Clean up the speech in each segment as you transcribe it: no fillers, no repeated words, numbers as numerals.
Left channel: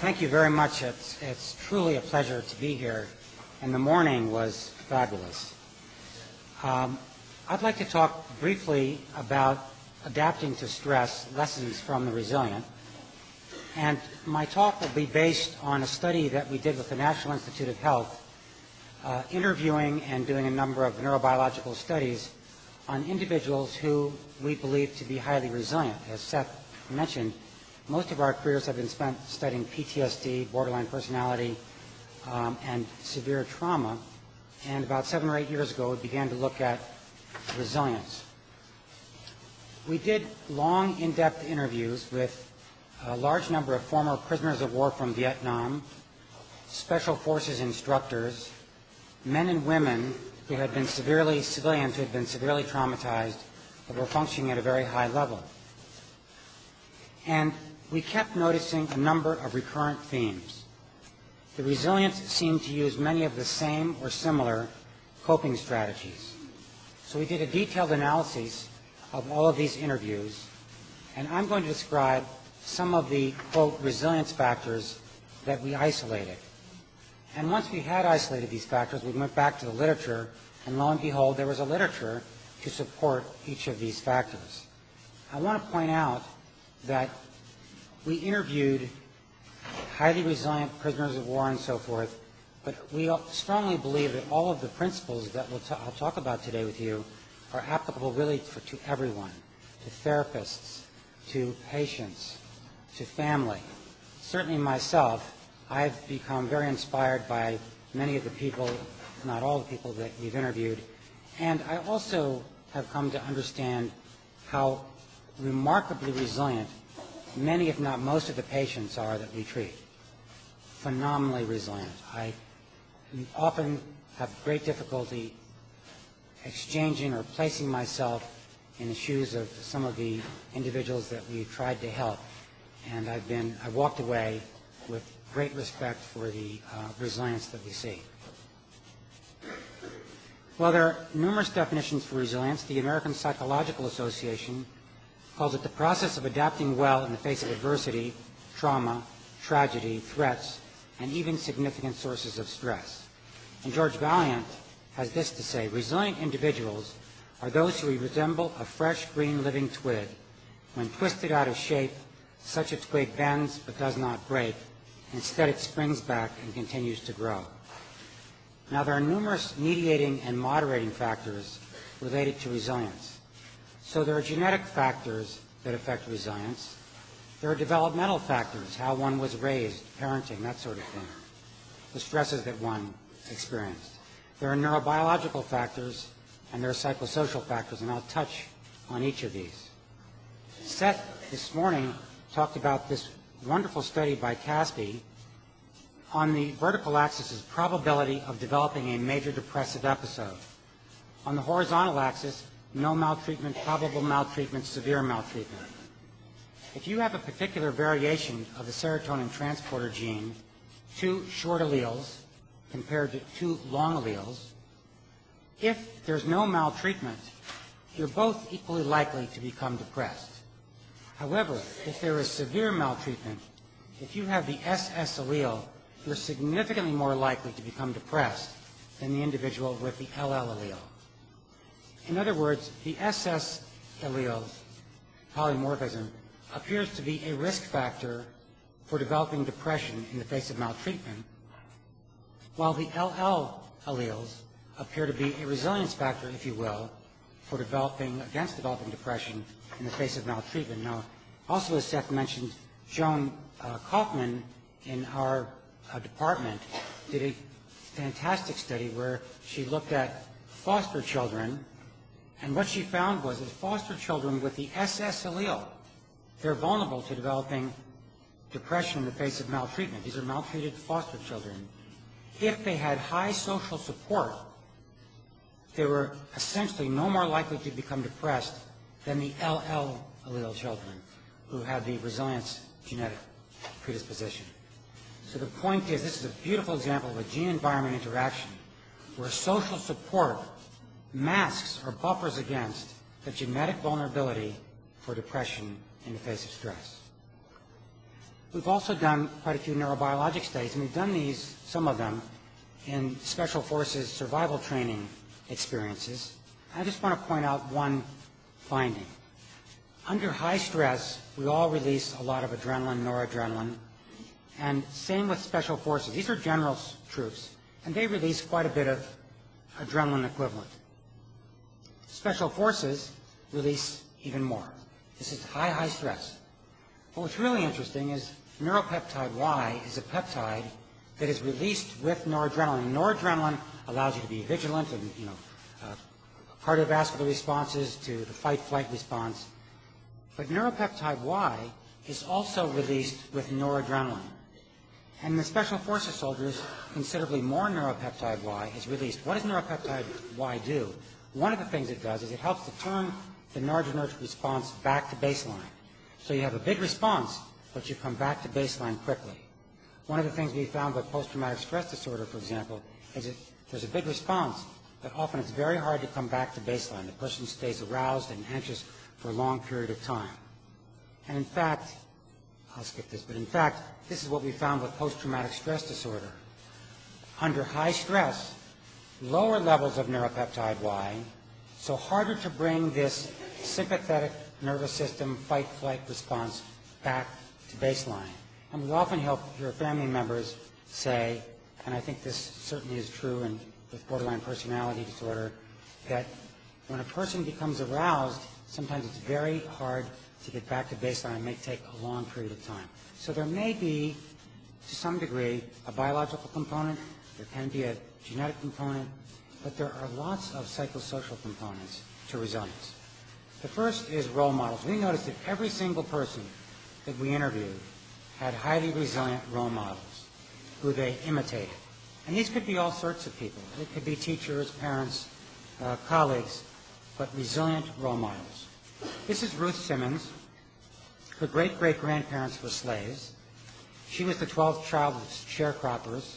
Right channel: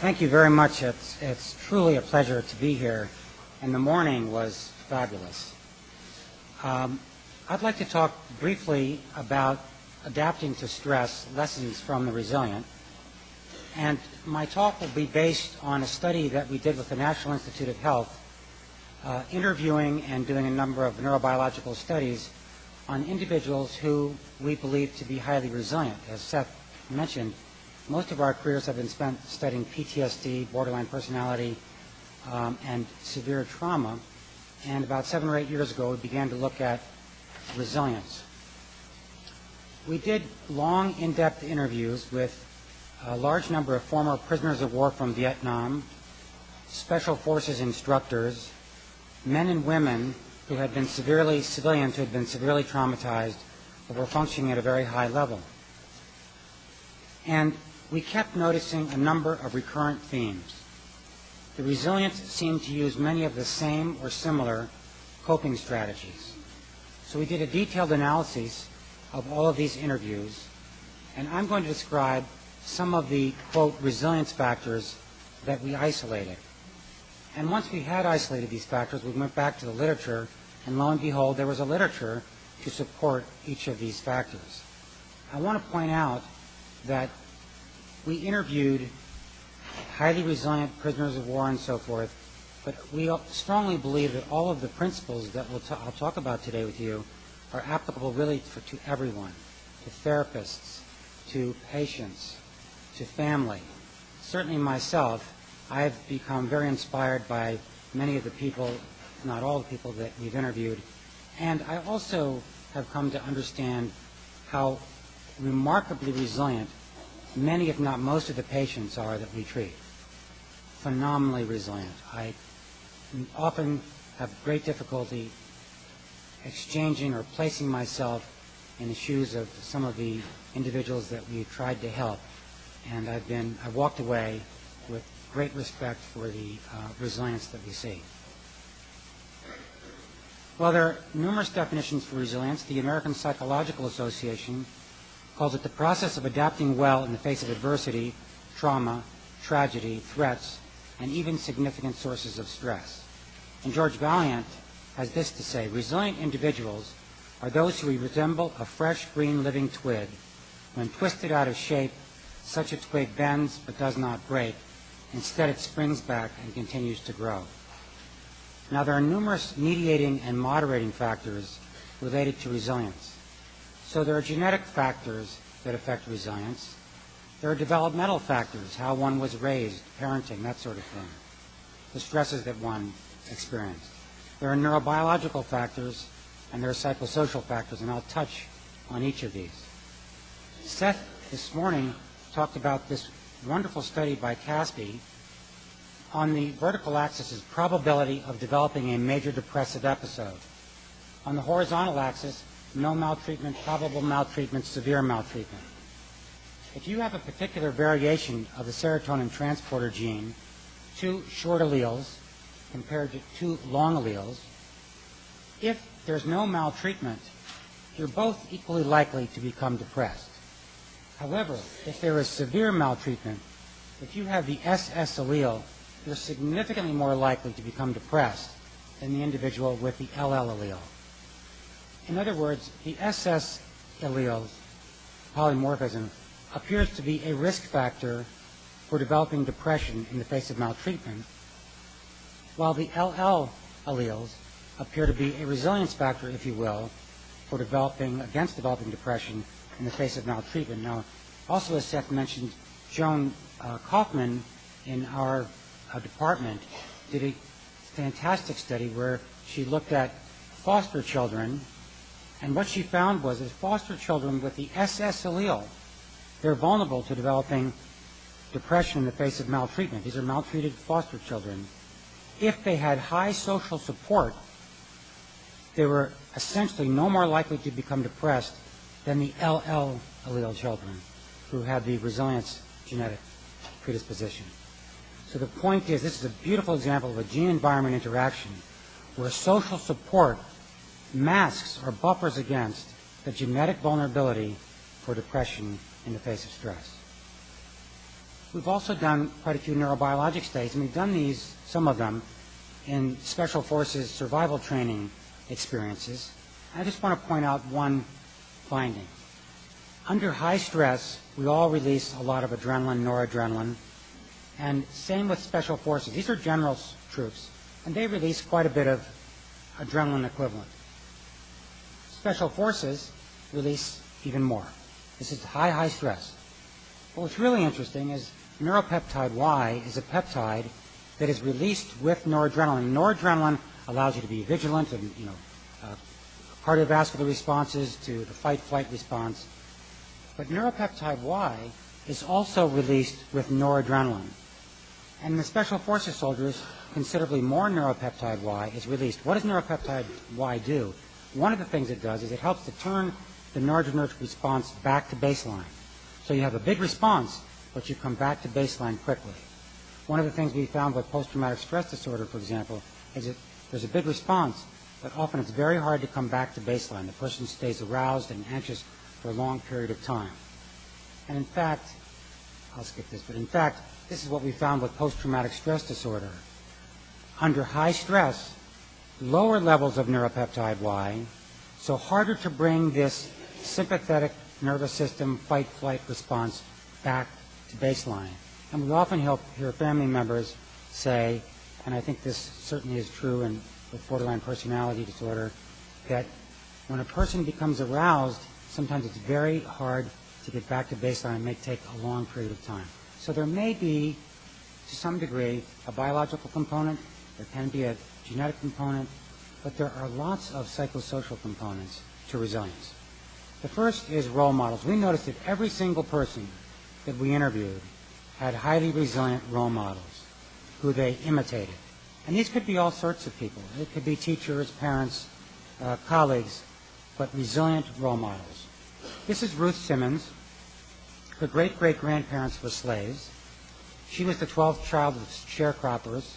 Thank you very much. It's truly a pleasure to be here, and the morning was fabulous. I'd like to talk briefly about adapting to stress, lessons from the Resilient. And my talk will be based on a study that we did with the National Institute of Health, interviewing and doing a number of neurobiological studies on individuals who we believe to be highly resilient. As Seth mentioned, most of our careers have been spent studying PTSD, borderline personality, and severe trauma. And about 7 or 8 years ago, we began to look at resilience. We did long, in-depth interviews with a large number of former prisoners of war from Vietnam, special forces instructors, men and women who had been civilians who had been severely traumatized, but were functioning at a very high level. And we kept noticing a number of recurrent themes. The resilient seemed to use many of the same or similar coping strategies. So we did a detailed analysis of all of these interviews, and I'm going to describe some of the, quote, resilience factors that we isolated. And once we had isolated these factors, we went back to the literature, and lo and behold, there was a literature to support each of these factors. I want to point out that we interviewed highly resilient prisoners of war and so forth, but we strongly believe that all of the principles that I'll talk about today with you are applicable really to everyone, to therapists, to patients, to family. Certainly myself, I've become very inspired by many of the people, not all the people that we've interviewed, and I also have come to understand how remarkably resilient many, if not most, of the patients are that we treat. Phenomenally resilient. I often have great difficulty exchanging or placing myself in the shoes of some of the individuals that we've tried to help, and I've walked away with great respect for the resilience that we see. Well, there are numerous definitions for resilience. The American Psychological Association calls it the process of adapting well in the face of adversity, trauma, tragedy, threats, and even significant sources of stress. And George Valiant has this to say: resilient individuals are those who resemble a fresh green living twig. When twisted out of shape, such a twig bends but does not break. Instead, it springs back and continues to grow. Now, there are numerous mediating and moderating factors related to resilience. So there are genetic factors that affect resilience. There are developmental factors, how one was raised, parenting, that sort of thing, the stresses that one experienced. There are neurobiological factors, and there are psychosocial factors, and I'll touch on each of these. Seth this morning talked about this wonderful study by Caspi. On the vertical axis is probability of developing a major depressive episode. On the horizontal axis, no maltreatment, probable maltreatment, severe maltreatment. If you have a particular variation of the serotonin transporter gene, 2 short alleles compared to 2 long alleles, if there's no maltreatment, you're both equally likely to become depressed. However, if there is severe maltreatment, if you have the SS allele, you're significantly more likely to become depressed than the individual with the LL allele. In other words, the SS alleles, polymorphism, appears to be a risk factor for developing depression in the face of maltreatment, while the LL alleles appear to be a resilience factor, if you will, for against developing depression in the face of maltreatment. Now, also as Seth mentioned, Joan Kaufman in our department did a fantastic study where she looked at foster children, and what she found was that foster children with the SS allele, they're vulnerable to developing depression in the face of maltreatment. These are maltreated foster children. If they had high social support, they were essentially no more likely to become depressed than the LL allele children who had the resilience genetic predisposition. So the point is, this is a beautiful example of a gene-environment interaction where social support masks or buffers against the genetic vulnerability for depression in the face of stress. We've also done quite a few neurobiologic studies, and we've done these, some of them, in special forces survival training experiences. I just want to point out one finding. Under high stress, we all release a lot of adrenaline, noradrenaline, and same with special forces. These are general troops, and they release quite a bit of adrenaline equivalent. Special forces release even more. This is high stress. But what's really interesting is neuropeptide Y is a peptide that is released with noradrenaline. Noradrenaline allows you to be vigilant and, cardiovascular responses to the fight-flight response. But neuropeptide Y is also released with noradrenaline. And in the special forces soldiers, considerably more neuropeptide Y is released. What does neuropeptide Y do? One of the things it does is it helps to turn the noradrenergic response back to baseline. So you have a big response, but you come back to baseline quickly. One of the things we found with post-traumatic stress disorder, for example, is that there's a big response, but often it's very hard to come back to baseline. The person stays aroused and anxious for a long period of time. And in fact, I'll skip this, but in fact, this is what we found with post-traumatic stress disorder. Under high stress, lower levels of neuropeptide Y, so harder to bring this sympathetic nervous system fight-flight response back to baseline. And we often hear family members say, and I think this certainly is true with borderline personality disorder, that when a person becomes aroused, sometimes it's very hard to get back to baseline. It may take a long period of time. So there may be, to some degree, a biological component. There can be a genetic component. But there are lots of psychosocial components to resilience. The first is role models. We noticed that every single person that we interviewed had highly resilient role models who they imitated. And these could be all sorts of people. It could be teachers, parents, colleagues, but resilient role models. This is Ruth Simmons. Her great-great-grandparents were slaves. She was the 12th child of sharecroppers,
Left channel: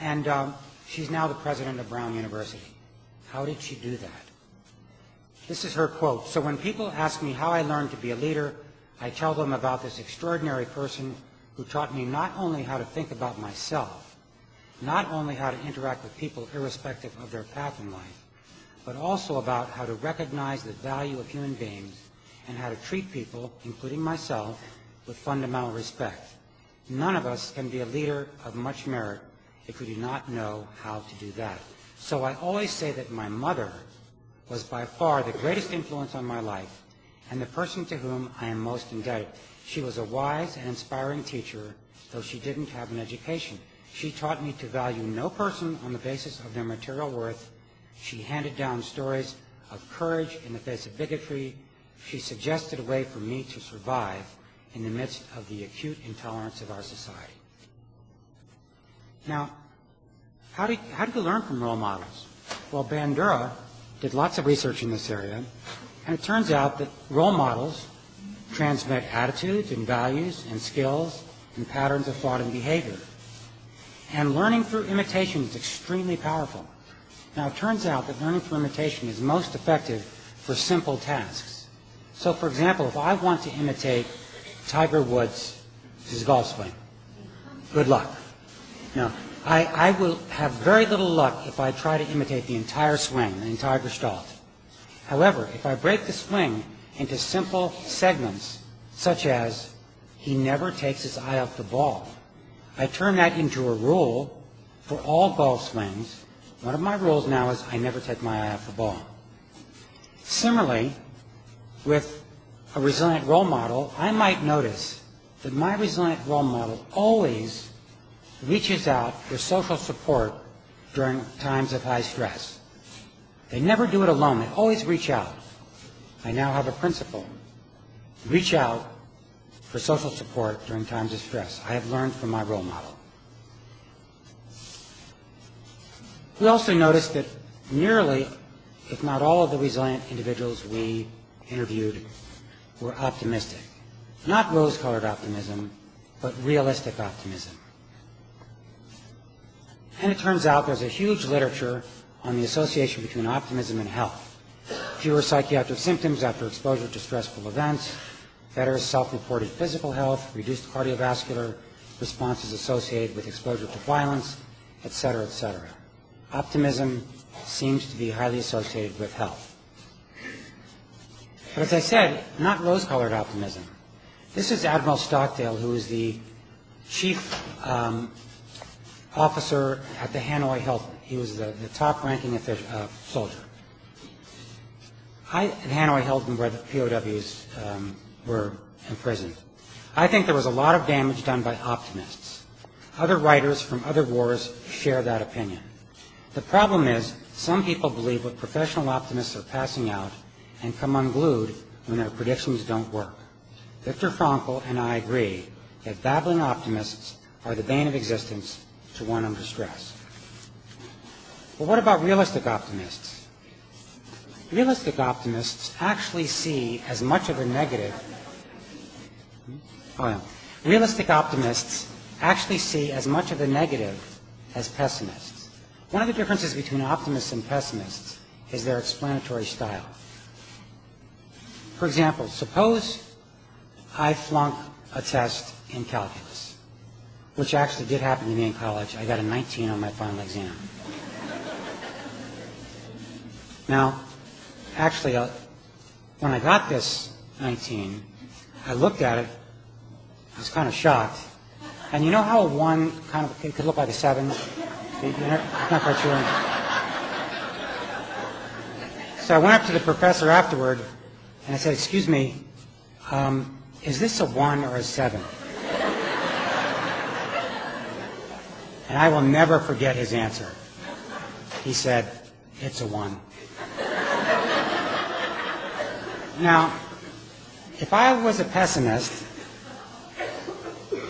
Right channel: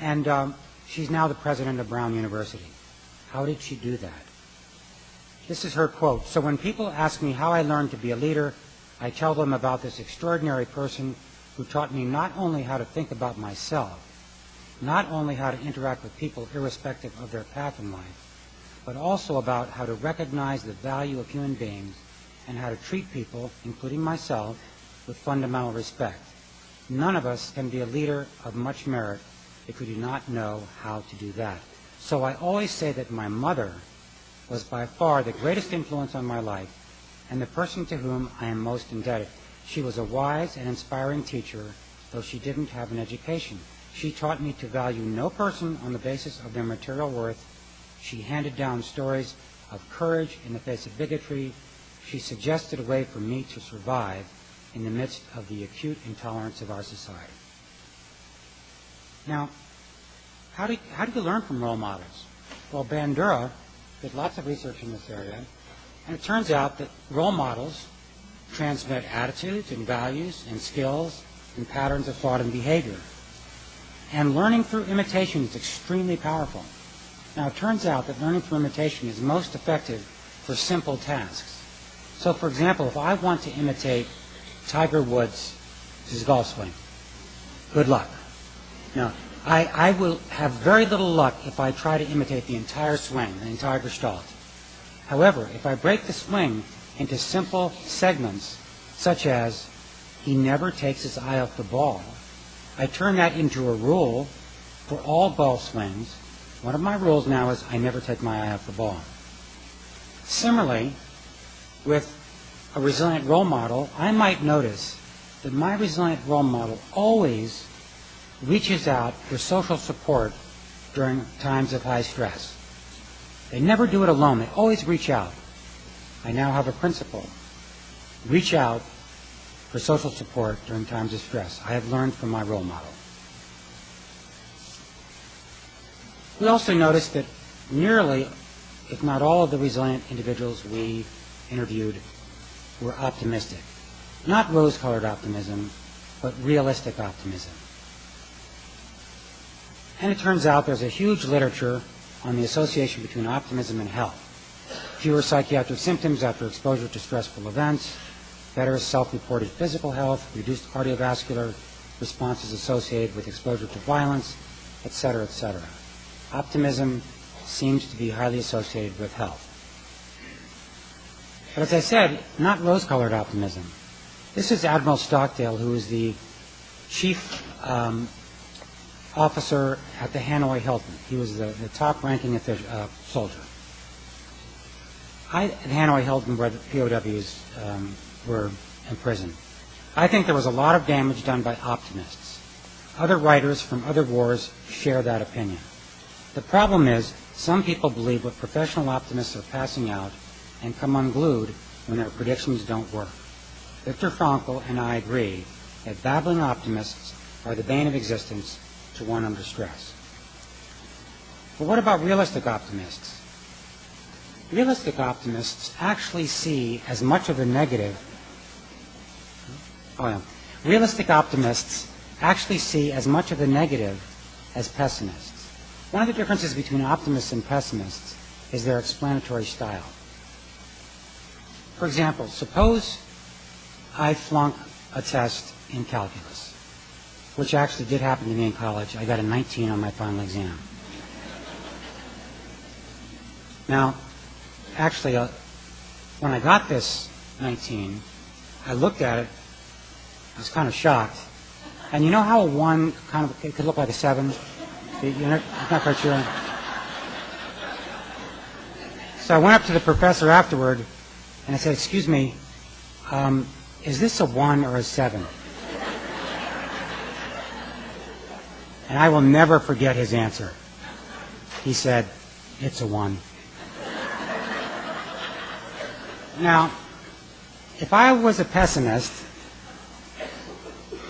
and she's now the president of Brown University. How did she do that? This is her quote. "So when people ask me how I learned to be a leader, I tell them about this extraordinary person who taught me not only how to think about myself, not only how to interact with people irrespective of their path in life, but also about how to recognize the value of human beings and how to treat people, including myself, with fundamental respect. None of us can be a leader of much merit if we do not know how to do that." So I always say that my mother was by far the greatest influence on my life and the person to whom I am most indebted. She was a wise and inspiring teacher, though she didn't have an education. She taught me to value no person on the basis of their material worth. She handed down stories of courage in the face of bigotry. She suggested a way for me to survive in the midst of the acute intolerance of our society. Now, how do you learn from role models? Well, Bandura did lots of research in this area, and it turns out that role models transmit attitudes and values and skills and patterns of thought and behavior. And learning through imitation is extremely powerful. Now, it turns out that learning through imitation is most effective for simple tasks. So, for example, if I want to imitate Tiger Woods' golf swing, good luck. Now, I will have very little luck if I try to imitate the entire swing, the entire gestalt. However, if I break the swing into simple segments, such as he never takes his eye off the ball, I turn that into a rule for all golf swings. One of my rules now is I never take my eye off the ball. Similarly, with a resilient role model, I might notice that my resilient role model always reaches out for social support during times of high stress. They never do it alone. They always reach out. I now have a principle. Reach out for social support during times of stress. I have learned from my role model. We also noticed that nearly, if not all, of the resilient individuals we interviewed were optimistic. Not rose-colored optimism, but realistic optimism. And it turns out there's a huge literature on the association between optimism and health. Fewer psychiatric symptoms after exposure to stressful events, better self-reported physical health, reduced cardiovascular responses associated with exposure to violence, etc., etc. Optimism seems to be highly associated with health. But as I said, not rose-colored optimism. This is Admiral Stockdale, who is the chief officer at the Hanoi Hilton. He was the top-ranking soldier. At Hanoi Hilton, where the POWs were imprisoned. I think there was a lot of damage done by optimists. Other writers from other wars share that opinion. The problem is, some people believe that professional optimists are passing out and come unglued when their predictions don't work. Viktor Frankl and I agree that babbling optimists are the bane of existence to one under stress. But what about realistic optimists? Realistic optimists actually see as much of the negative. Realistic optimists actually see as much of the negative as pessimists. One of the differences between optimists and pessimists is their explanatory style. For example, suppose I flunk a test in calculus, which actually did happen to me in college. I got a 19 on my final exam. Now, actually, when I got this 19, I looked at it, I was kind of shocked. And you know how a 1 kind of it could look like a 7? You're not quite sure. So I went up to the professor afterward, and I said, "Excuse me, is this a 1 or a 7? And I will never forget his answer. He said, "It's a 1. Now, if I was a pessimist,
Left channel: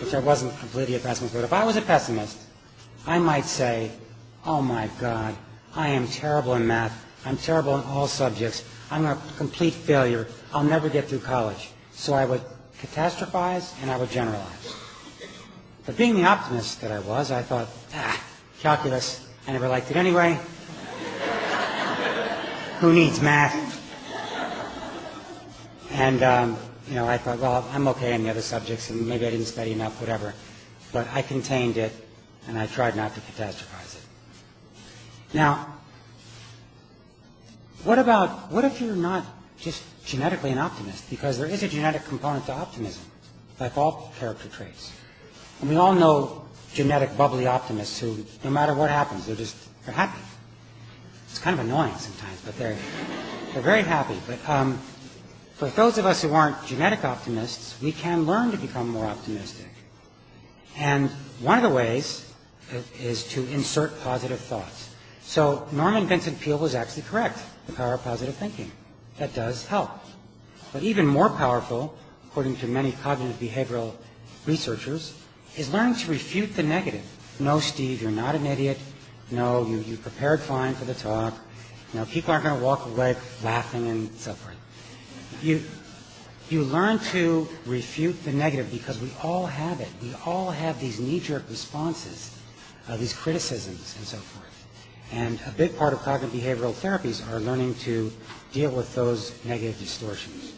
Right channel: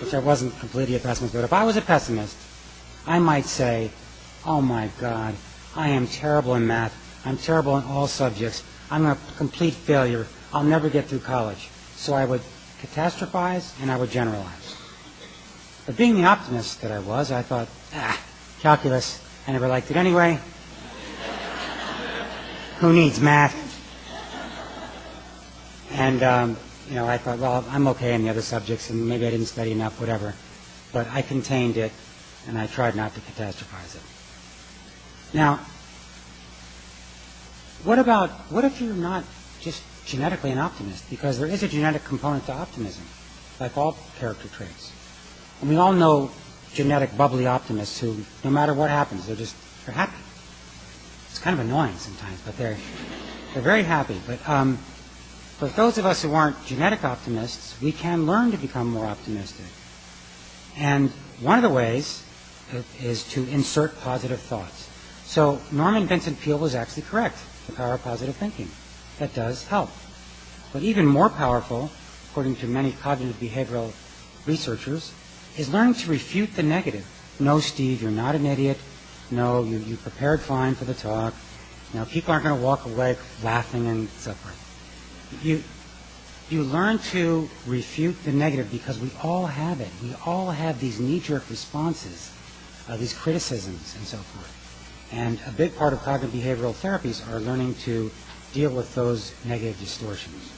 which I wasn't completely a pessimist, but if I was a pessimist, I might say, "Oh my God, I am terrible in math. I'm terrible in all subjects. I'm a complete failure. I'll never get through college." So I would catastrophize and I would generalize. But being the optimist that I was, I thought, calculus, I never liked it anyway. Who needs math? And, I thought, well, I'm okay in the other subjects, and maybe I didn't study enough, whatever. But I contained it, and I tried not to catastrophize it. Now, what if you're not just genetically an optimist? Because there is a genetic component to optimism, like all character traits. And we all know genetic bubbly optimists who, no matter what happens, they're happy. It's kind of annoying sometimes, but they're very happy. But for those of us who aren't genetic optimists, we can learn to become more optimistic. And one of the ways is to insert positive thoughts. So Norman Vincent Peale was actually correct, the power of positive thinking. That does help. But even more powerful, according to many cognitive behavioral researchers, is learning to refute the negative. No, Steve, you're not an idiot. No, you prepared fine for the talk. People aren't going to walk away laughing and so forth. You learn to refute the negative because we all have it. We all have these knee-jerk responses, these criticisms and so forth. And a big part of cognitive behavioral therapies are learning to deal with those negative distortions.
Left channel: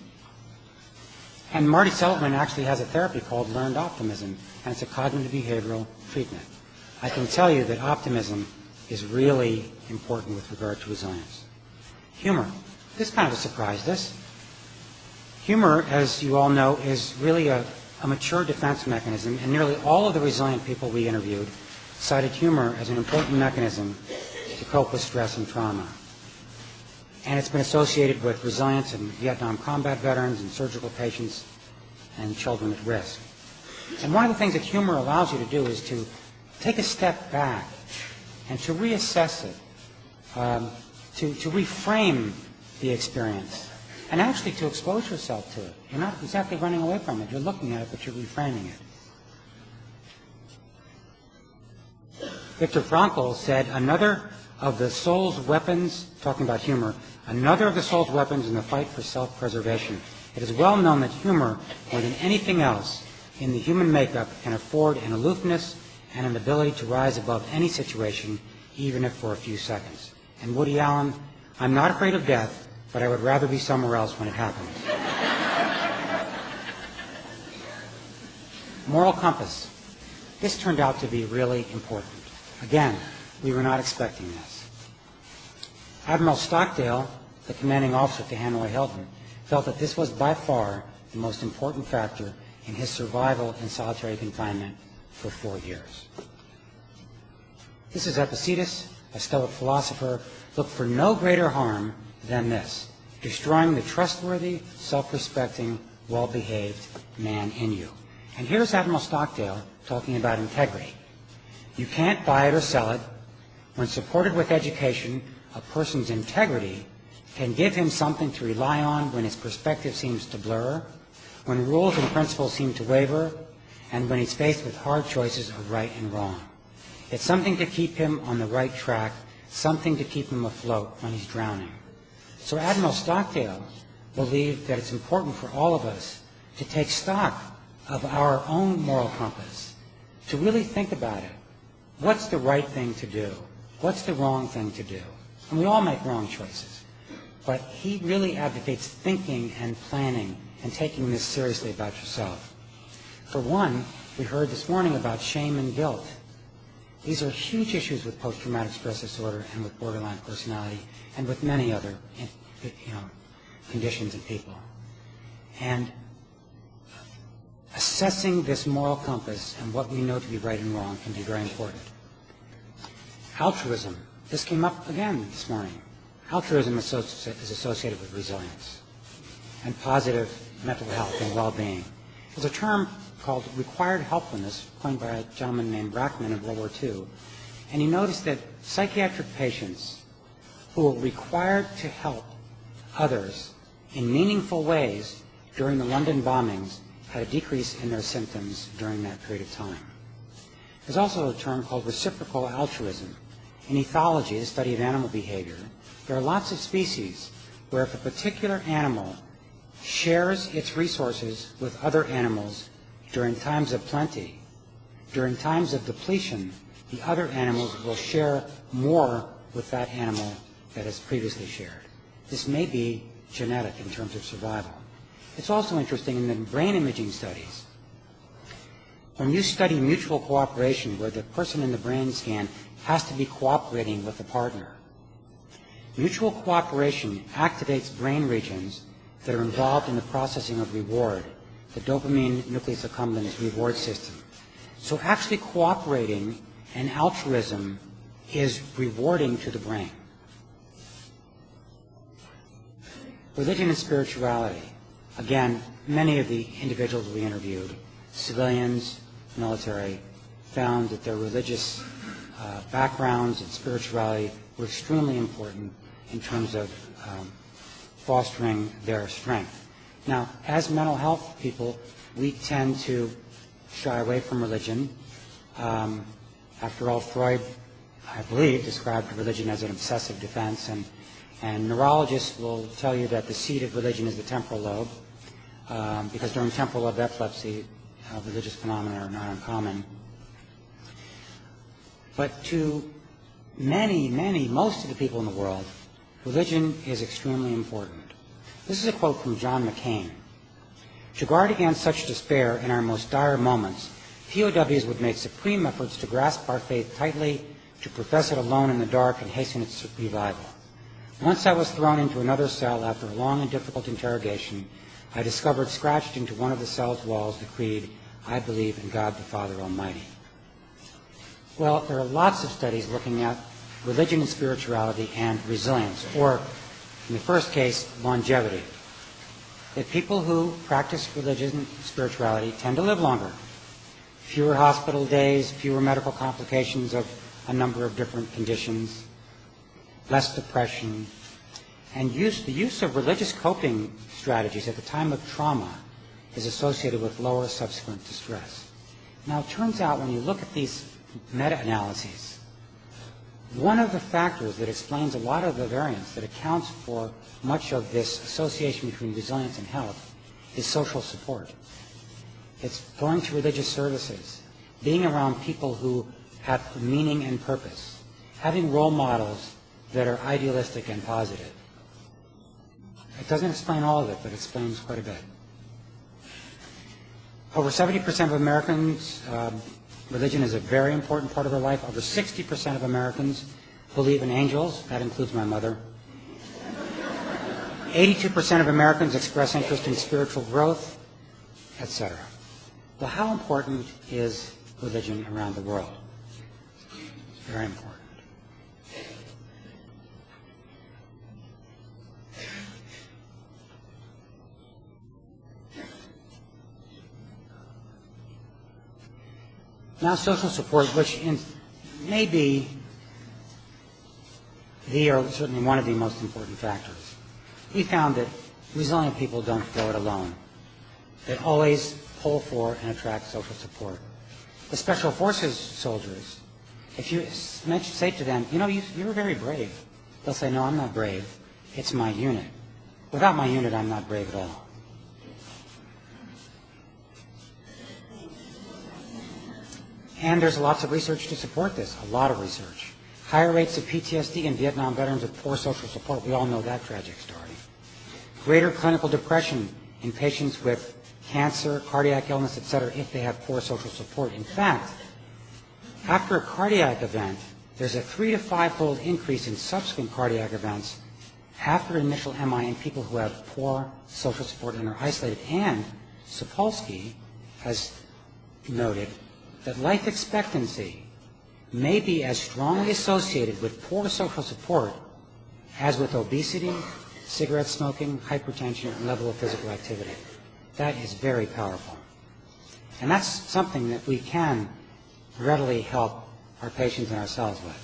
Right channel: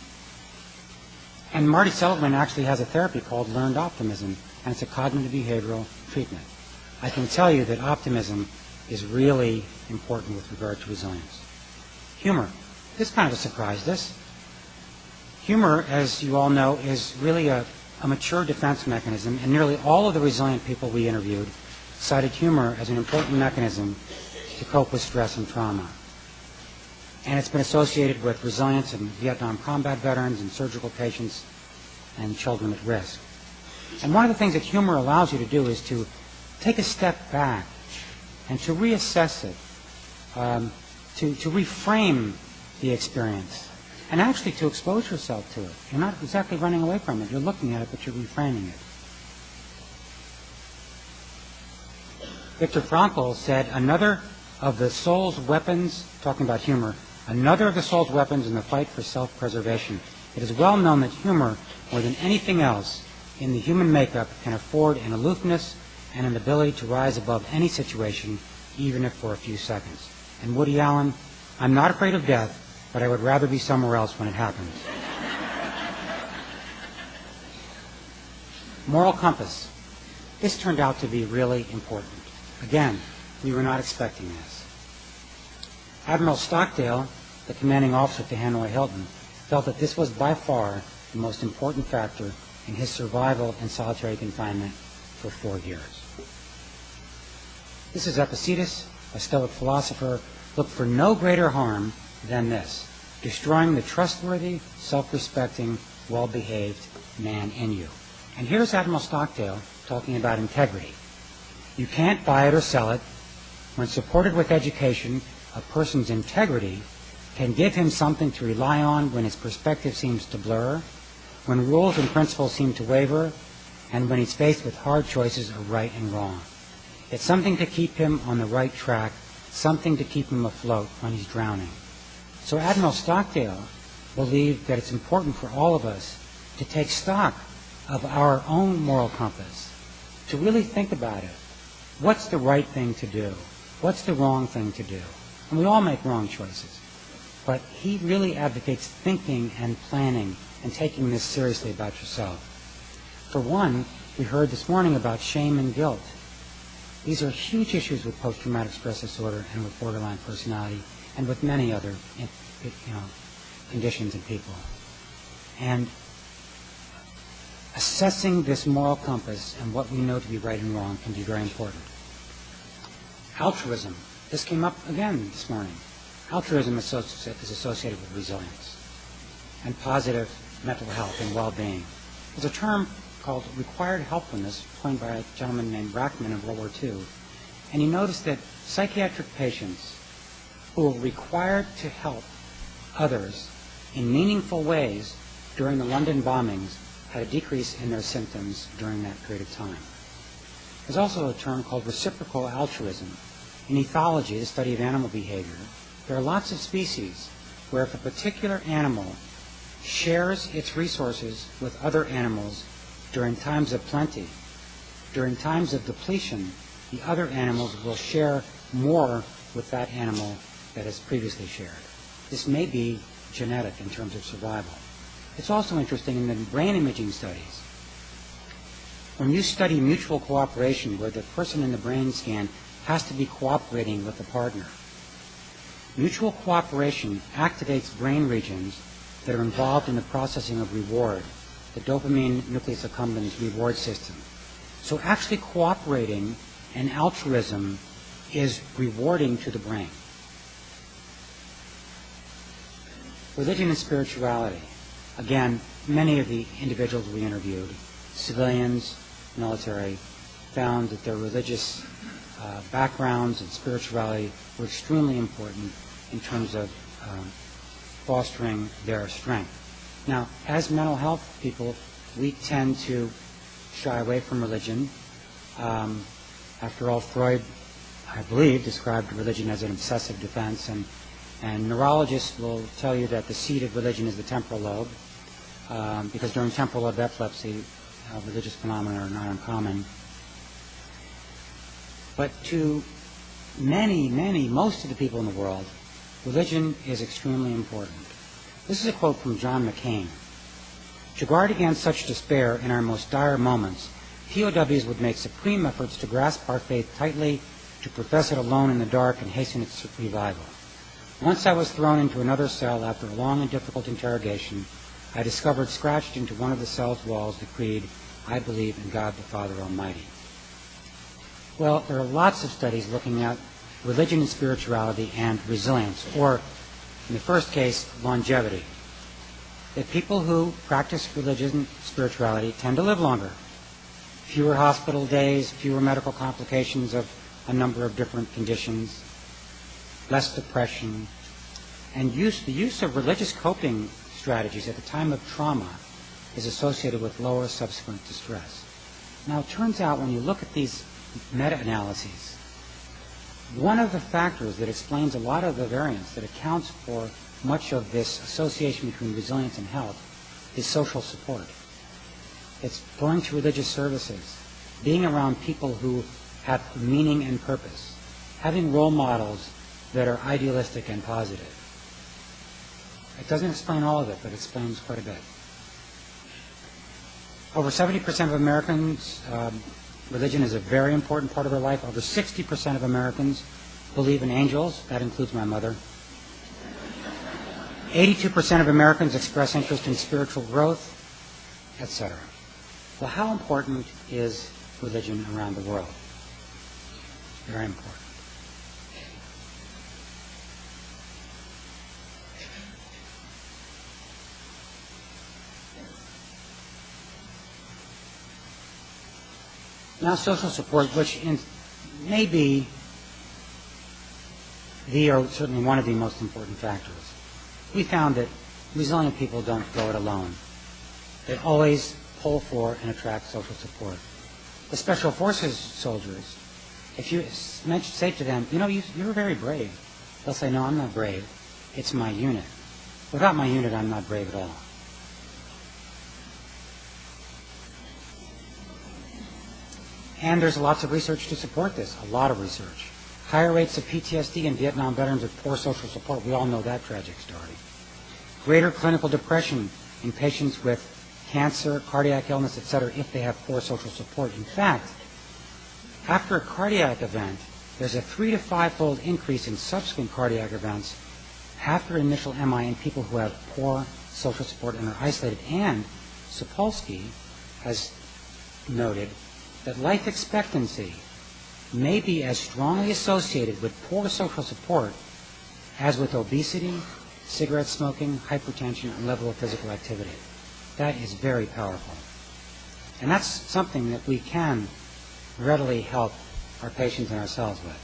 And Marty Seligman actually has a therapy called Learned Optimism, and it's a cognitive behavioral treatment. I can tell you that optimism is really important with regard to resilience. Humor. This kind of surprised us. Humor, as you all know, is really a mature defense mechanism, and nearly all of the resilient people we interviewed cited humor as an important mechanism to cope with stress and trauma. And it's been associated with resilience in Vietnam combat veterans and surgical patients and children at risk. And one of the things that humor allows you to do is to take a step back and to reassess it, to reframe the experience, and actually to expose yourself to it. You're not exactly running away from it. You're looking at it, but you're reframing it. Viktor Frankl said, another of the soul's weapons, talking about humor, another of the soul's weapons in the fight for self-preservation. It is well known that humor, more than anything else in the human makeup, can afford an aloofness and an ability to rise above any situation, even if for a few seconds. And Woody Allen, I'm not afraid of death, but I would rather be somewhere else when it happens. Moral compass. This turned out to be really important. Again, we were not expecting this. Admiral Stockdale, the commanding officer at the Hanoi Hilton, felt that this was by far the most important factor in his survival in solitary confinement for 4 years. This is Epictetus, a Stoic philosopher, looked for no greater harm than this, destroying the trustworthy, self-respecting, well-behaved man in you. And here's Admiral Stockdale talking about integrity. You can't buy it or sell it. When supported with education, a person's integrity can give him something to rely on when his perspective seems to blur, when rules and principles seem to waver, and when he's faced with hard choices of right and wrong. It's something to keep him on the right track, something to keep him afloat when he's drowning. So Admiral Stockdale believed that it's important for all of us to take stock of our own moral compass, to really think about it. What's the right thing to do? What's the wrong thing to do? And we all make wrong choices. But he really advocates thinking and planning and taking this seriously about yourself. For one, we heard this morning about shame and guilt. These are huge issues with post-traumatic stress disorder and with borderline personality and with many other conditions in people. And assessing this moral compass and what we know to be right and wrong can be very important. Altruism. This came up again this morning. Altruism is associated with resilience and positive mental health and well-being. There's a term called required helpfulness coined by a gentleman named Rachman in World War II. And you notice that psychiatric patients who were required to help others in meaningful ways during the London bombings had a decrease in their symptoms during that period of time. There's also a term called reciprocal altruism. In ethology, the study of animal behavior, there are lots of species where if a particular animal shares its resources with other animals during times of plenty, during times of depletion, the other animals will share more with that animal that has previously shared. This may be genetic in terms of survival. It's also interesting in the brain imaging studies. When you study mutual cooperation, where the person in the brain scan has to be cooperating with the partner, mutual cooperation activates brain regions that are involved in the processing of reward, the dopamine nucleus accumbens reward system. So actually cooperating and altruism is rewarding to the brain. Religion and spirituality. Again, many of the individuals we interviewed, civilians, military, found that their religious backgrounds and spirituality were extremely important in terms of fostering their strength. Now, as mental health people, we tend to shy away from religion. After all, Freud, I believe, described religion as an obsessive defense, and neurologists will tell you that the seat of religion is the temporal lobe, because during temporal lobe epilepsy, religious phenomena are not uncommon. But to most of the people in the world, religion is extremely important. This is a quote from John McCain. To guard against such despair in our most dire moments, POWs would make supreme efforts to grasp our faith tightly, to profess it alone in the dark and hasten its revival. Once I was thrown into another cell after a long and difficult interrogation, I discovered scratched into one of the cell's walls the creed, I believe in God the Father Almighty. Well, there are lots of studies looking at religion and spirituality and resilience, or in the first case, longevity. That people who practice religion and spirituality tend to live longer. Fewer hospital days, fewer medical complications of a number of different conditions, less depression, and the use of religious coping strategies at the time of trauma is associated with lower subsequent distress. Now, it turns out when you look at these meta-analyses, one of the factors that explains a lot of the variance that accounts for much of this association between resilience and health is social support. It's going to religious services, being around people who have meaning and purpose, having role models that are idealistic and positive. It doesn't explain all of it, but it explains quite a bit. Over 70% of Americans, religion is a very important part of their life. Over 60% of Americans believe in angels. That includes my mother. 82% of Americans express interest in spiritual growth, etc. Well, how important is religion around the world? Very important. Now, social support, which may be the, or certainly one of the most important factors. We found that resilient people don't go it alone. They always pull for and attract social support. The Special Forces soldiers, if you say to them, you know, you're very brave, they'll say, no, I'm not brave. It's my unit. Without my unit, I'm not brave at all. And there's lots of research to support this, a lot of research. Higher rates of PTSD in Vietnam veterans with poor social support. We all know that tragic story. Greater clinical depression in patients with cancer, cardiac illness, etc., if they have poor social support. In fact, after a cardiac event, there's a 3 to 5-fold increase in subsequent cardiac events after initial MI in people who have poor social support and are isolated. And Sapolsky has noted that life expectancy may be as strongly associated with poor social support as with obesity, cigarette smoking, hypertension, and level of physical activity. That is very powerful. And that's something that we can readily help our patients and ourselves with.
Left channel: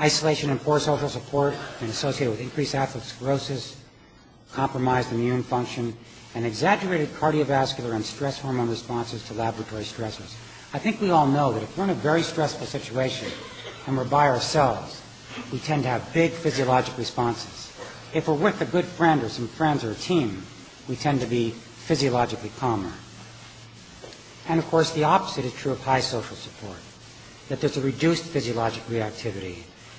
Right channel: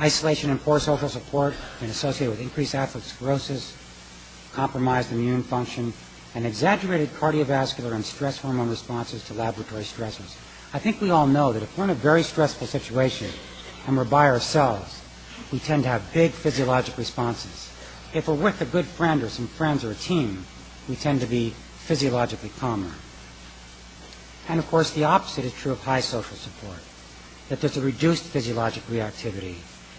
Isolation and poor social support can be associated with increased atherosclerosis, compromised immune function, and exaggerated cardiovascular and stress hormone responses to laboratory stressors. I think we all know that if we're in a very stressful situation and we're by ourselves, we tend to have big physiologic responses. If we're with a good friend or some friends or a team, we tend to be physiologically calmer. And of course, the opposite is true of high social support, that there's a reduced physiologic reactivity,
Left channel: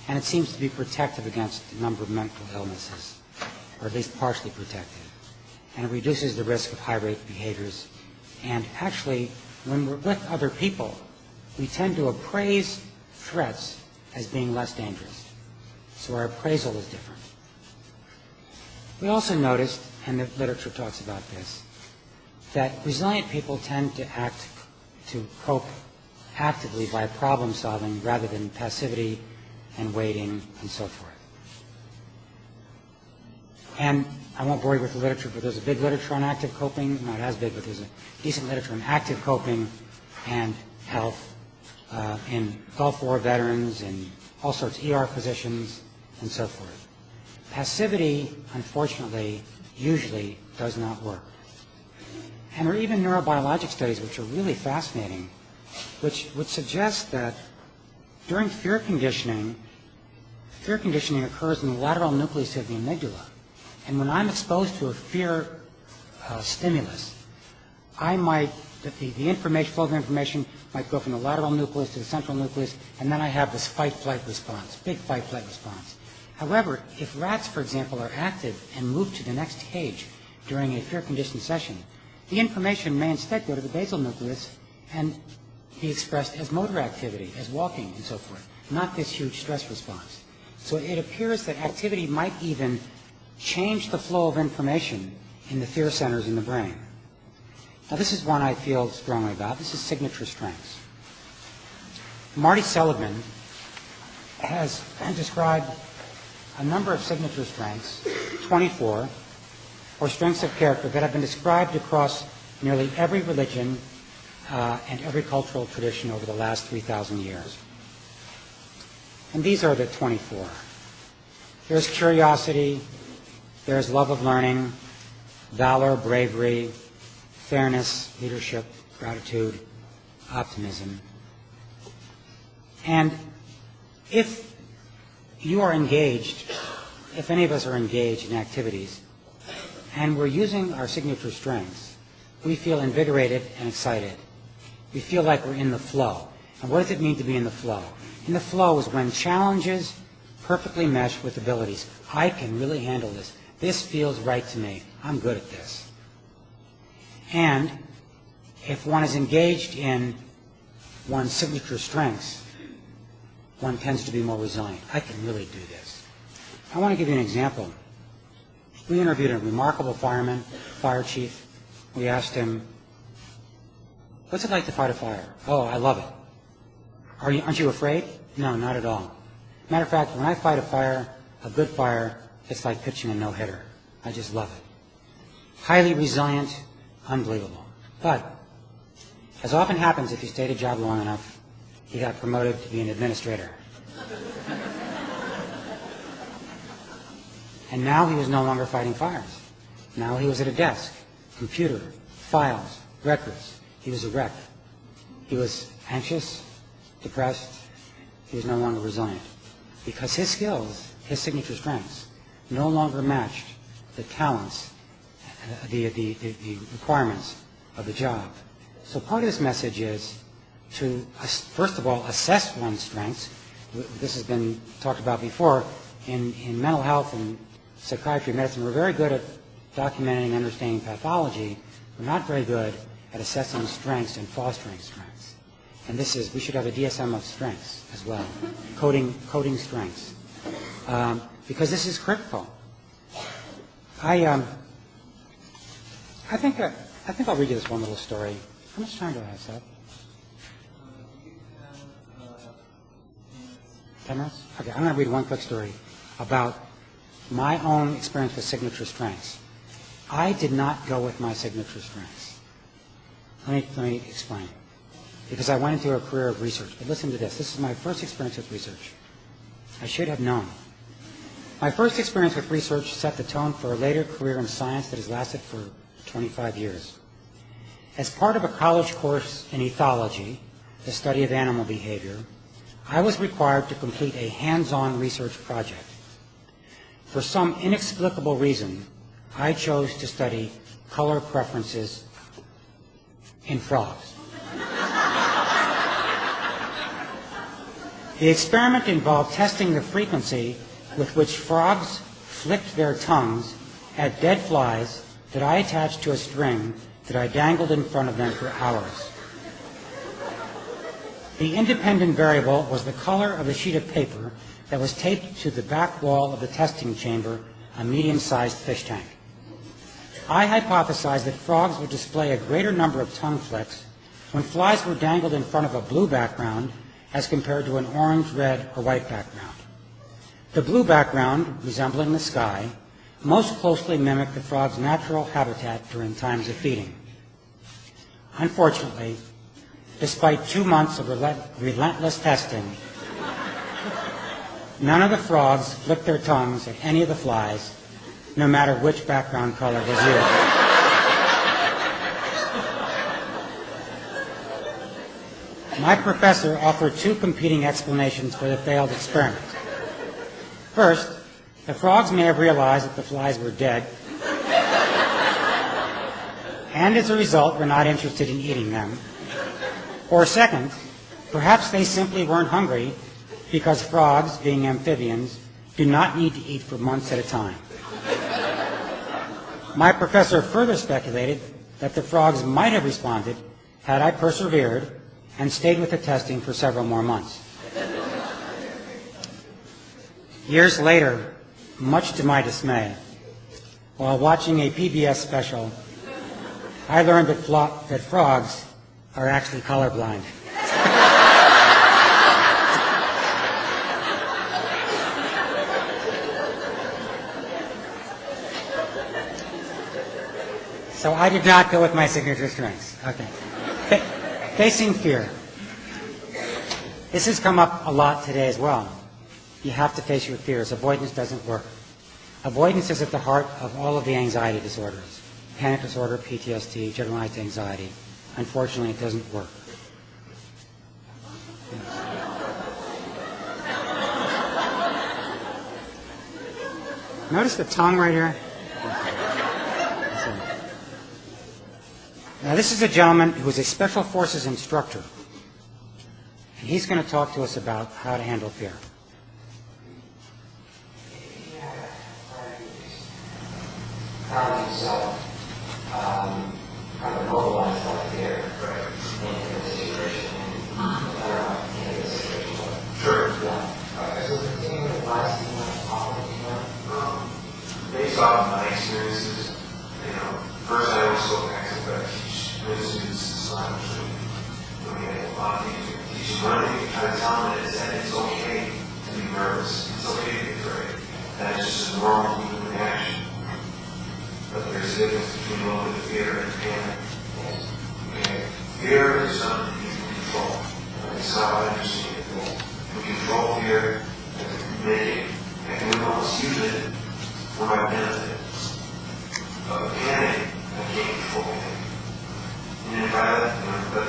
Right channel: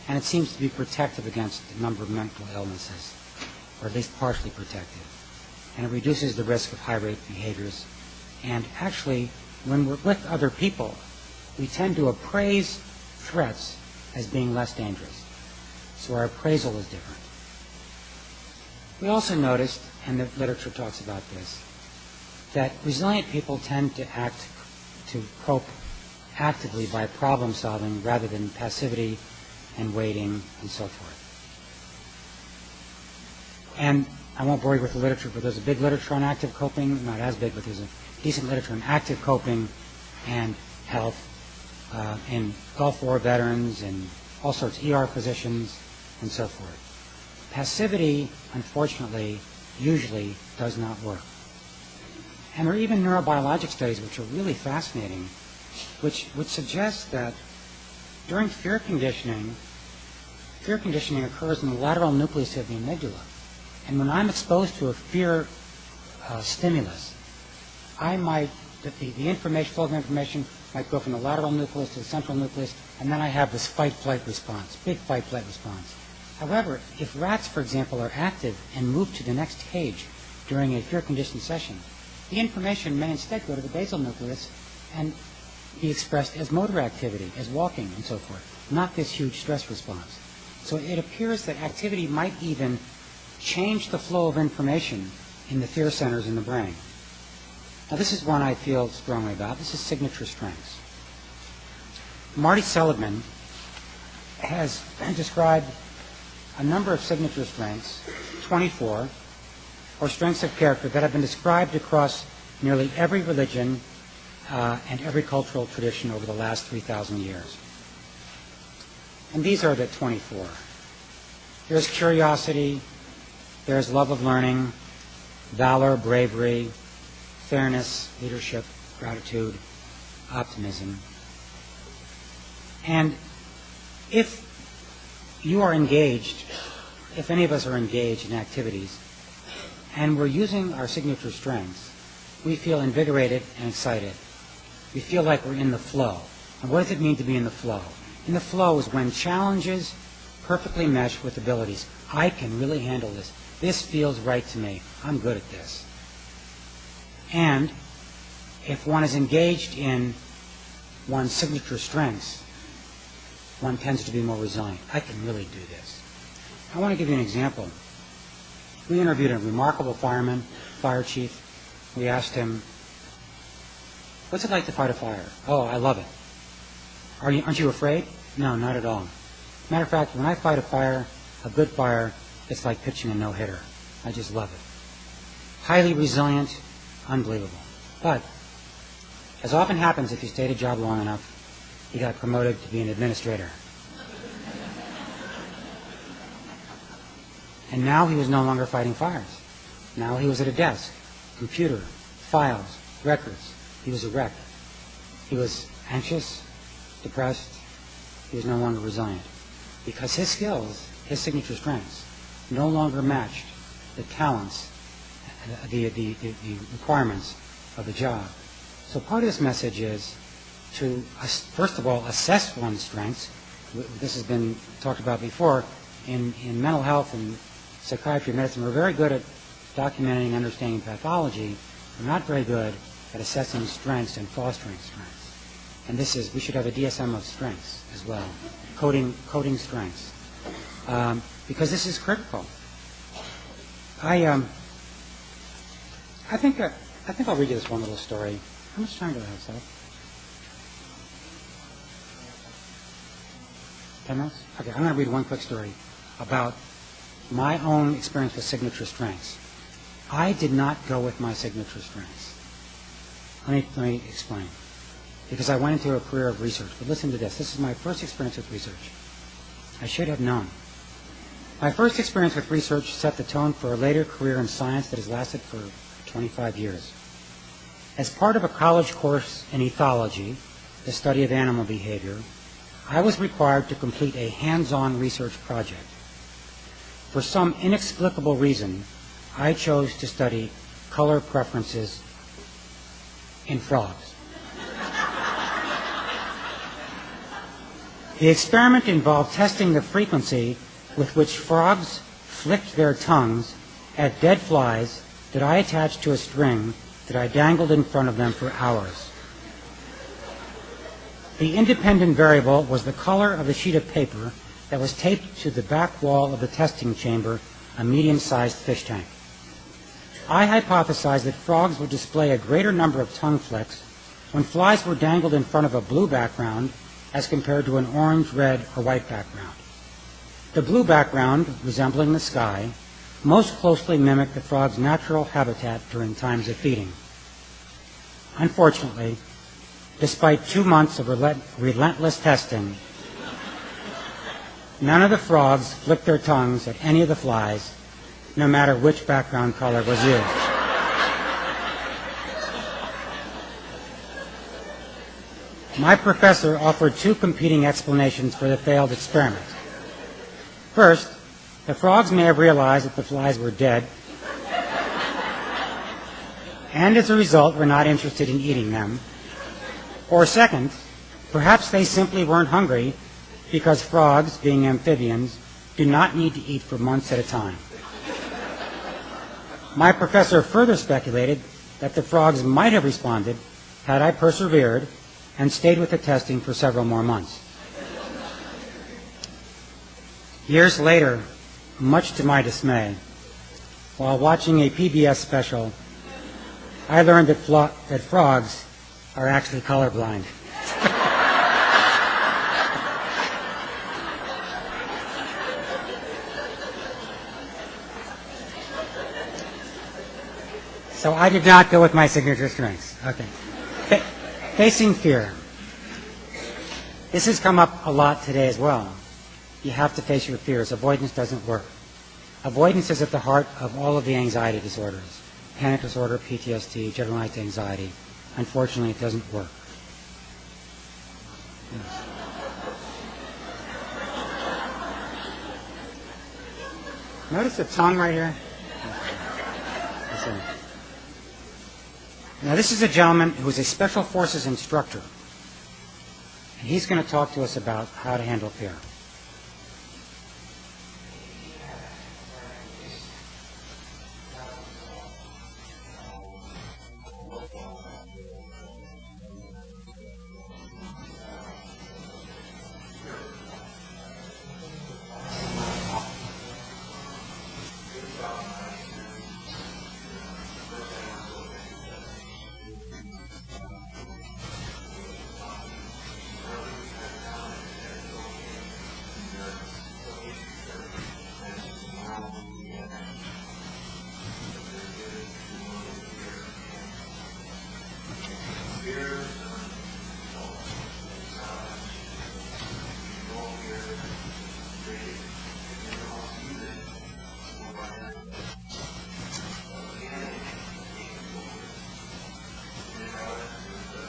and it seems to be protective against a number of mental illnesses, or at least partially protective. And it reduces the risk of high-rate behaviors. And actually, when we're with other people, we tend to appraise threats as being less dangerous. So our appraisal is different. We also noticed, and the literature talks about this, that resilient people tend to cope actively by problem solving rather than passivity and waiting and so forth. And I won't bore you with the literature, but there's a big literature on active coping, not as big, but there's a decent literature on active coping and health in Gulf War veterans and all sorts of ER physicians and so forth. Passivity, unfortunately, usually does not work. And there are even neurobiologic studies which are really fascinating, which would suggest that during fear conditioning occurs in the lateral nucleus of the amygdala. And when I'm exposed to a fear stimulus, the information, flow of information might go from the lateral nucleus to the central nucleus, and then I have this fight-flight response, big fight-flight response. However, if rats, for example, are active and move to the next cage during a fear-conditioned session, the information may instead go to the basal nucleus and be expressed as motor activity, as walking and so forth, not this huge stress response. So it appears that activity might even change the flow of information in the fear centers in the brain. Now this is one I feel strongly about. This is signature strengths. Marty Seligman has described a number of signature strengths, 24, or strengths of character that have been described across nearly every religion and every cultural tradition over the last 3,000 years. And these are the 24. There's curiosity, there's love of learning, valor, bravery, fairness, leadership, gratitude, optimism. And if you are engaged, if any of us are engaged in activities, and we're using our signature strengths, we feel invigorated and excited. We feel like we're in the flow. And what does it mean to be in the flow? In the flow is when challenges perfectly mesh with abilities. I can really handle this. This feels right to me. I'm good at this. And if one is engaged in one's signature strengths, one tends to be more resilient. I can really do this. I want to give you an example. We interviewed a remarkable fireman, fire chief. We asked him, what's it like to fight a fire? Oh, I love it. Aren't you afraid? No, not at all. Matter of fact, when I fight a fire, a good fire, it's like pitching a no-hitter. I just love it. Highly resilient, unbelievable. But, as often happens if you stayed at a job long enough, he got promoted to be an administrator. And now he was no longer fighting fires. Now he was at a desk, computer, files, records. He was a wreck. He was anxious, depressed. He was no longer resilient. Because his skills, his signature strengths, no longer matched the talents, the requirements of the job. So part of this message is to, first of all, assess one's strengths. This has been talked about before. In mental health and psychiatry, medicine, we're very good at documenting and understanding pathology. We're not very good at assessing strengths and fostering strengths. And this is, we should have a DSM of strengths as well, coding strengths, because this is critical. I think I'll read you this one little story. How much time do I have, Seth? 10 minutes? Okay, I'm going to read one quick story about my own experience with signature strengths. I did not go with my signature strengths. Let me explain. Because I went into a career of research. But listen to this. This is my first experience with research. I should have known. My first experience with research set the tone for a later career in science that has lasted for 25 years. As part of a college course in ethology, the study of animal behavior, I was required to complete a hands-on research project. For some inexplicable reason, I chose to study color preferences in frogs. The experiment involved testing the frequency with which frogs flicked their tongues at dead flies that I attached to a string that I dangled in front of them for hours. The independent variable was the color of the sheet of paper that was taped to the back wall of the testing chamber, a medium-sized fish tank. I hypothesized that frogs would display a greater number of tongue flicks when flies were dangled in front of a blue background as compared to an orange, red, or white background. The blue background, resembling the sky, most closely mimicked the frog's natural habitat during times of feeding. Unfortunately, despite 2 months of relentless testing, none of the frogs flicked their tongues at any of the flies, no matter which background color was used. My professor offered 2 competing explanations for the failed experiment. First, the frogs may have realized that the flies were dead, and as a result were not interested in eating them. Or second, perhaps they simply weren't hungry because frogs, being amphibians, do not need to eat for months at a time. My professor further speculated that the frogs might have responded had I persevered and stayed with the testing for several more months. Years later, much to my dismay, while watching a PBS special, I learned that frogs are actually colorblind. So I did not go with my signature strengths. Okay. Facing fear. This has come up a lot today as well. You have to face your fears. Avoidance doesn't work. Avoidance is at the heart of all of the anxiety disorders. Panic disorder, PTSD, generalized anxiety. Unfortunately, it doesn't work. Yes. Notice the tongue right here? Now, this is a gentleman who is a Special Forces instructor. And he's going to talk to us about how to handle fear. Currently, so, kind of lot of things we can teach them. One of the things we try to tell them is that it's okay to be nervous. It's okay to be afraid. That is just a normal human reaction. But there's a difference between a little bit of fear and panic. Okay? Fear is something you can control. That's how I understand it. We control fear and make it, and we almost use it for my benefit. But panic, I can't control it. And if I let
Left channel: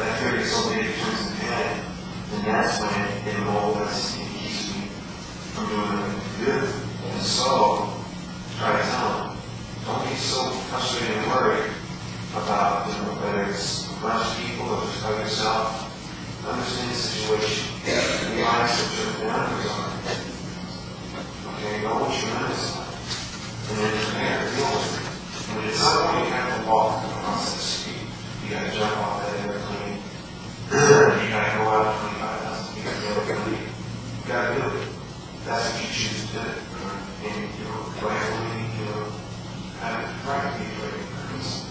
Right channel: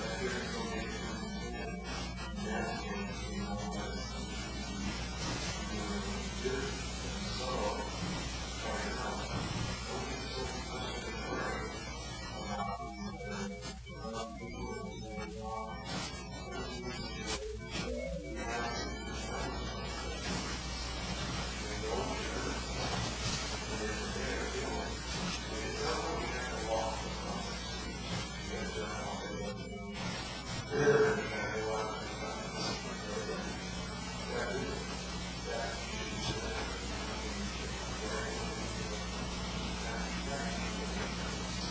that fear get so big it turns into panic, then that's when it molds and keeps me from doing what I need to do. And so, try to tell them, don't be so frustrated and worried about whether it's a bunch of people or just by yourself. Understand the situation. Realize what your boundaries are. Okay, know what your limits are. And then prepare to deal with it. And at some point you have to walk across that street. You got to jump off that airplane. You got to go out 25,000 feet from the airplane. You got to do it. That's what you choose to do. And rightfully, have it right to be very nice.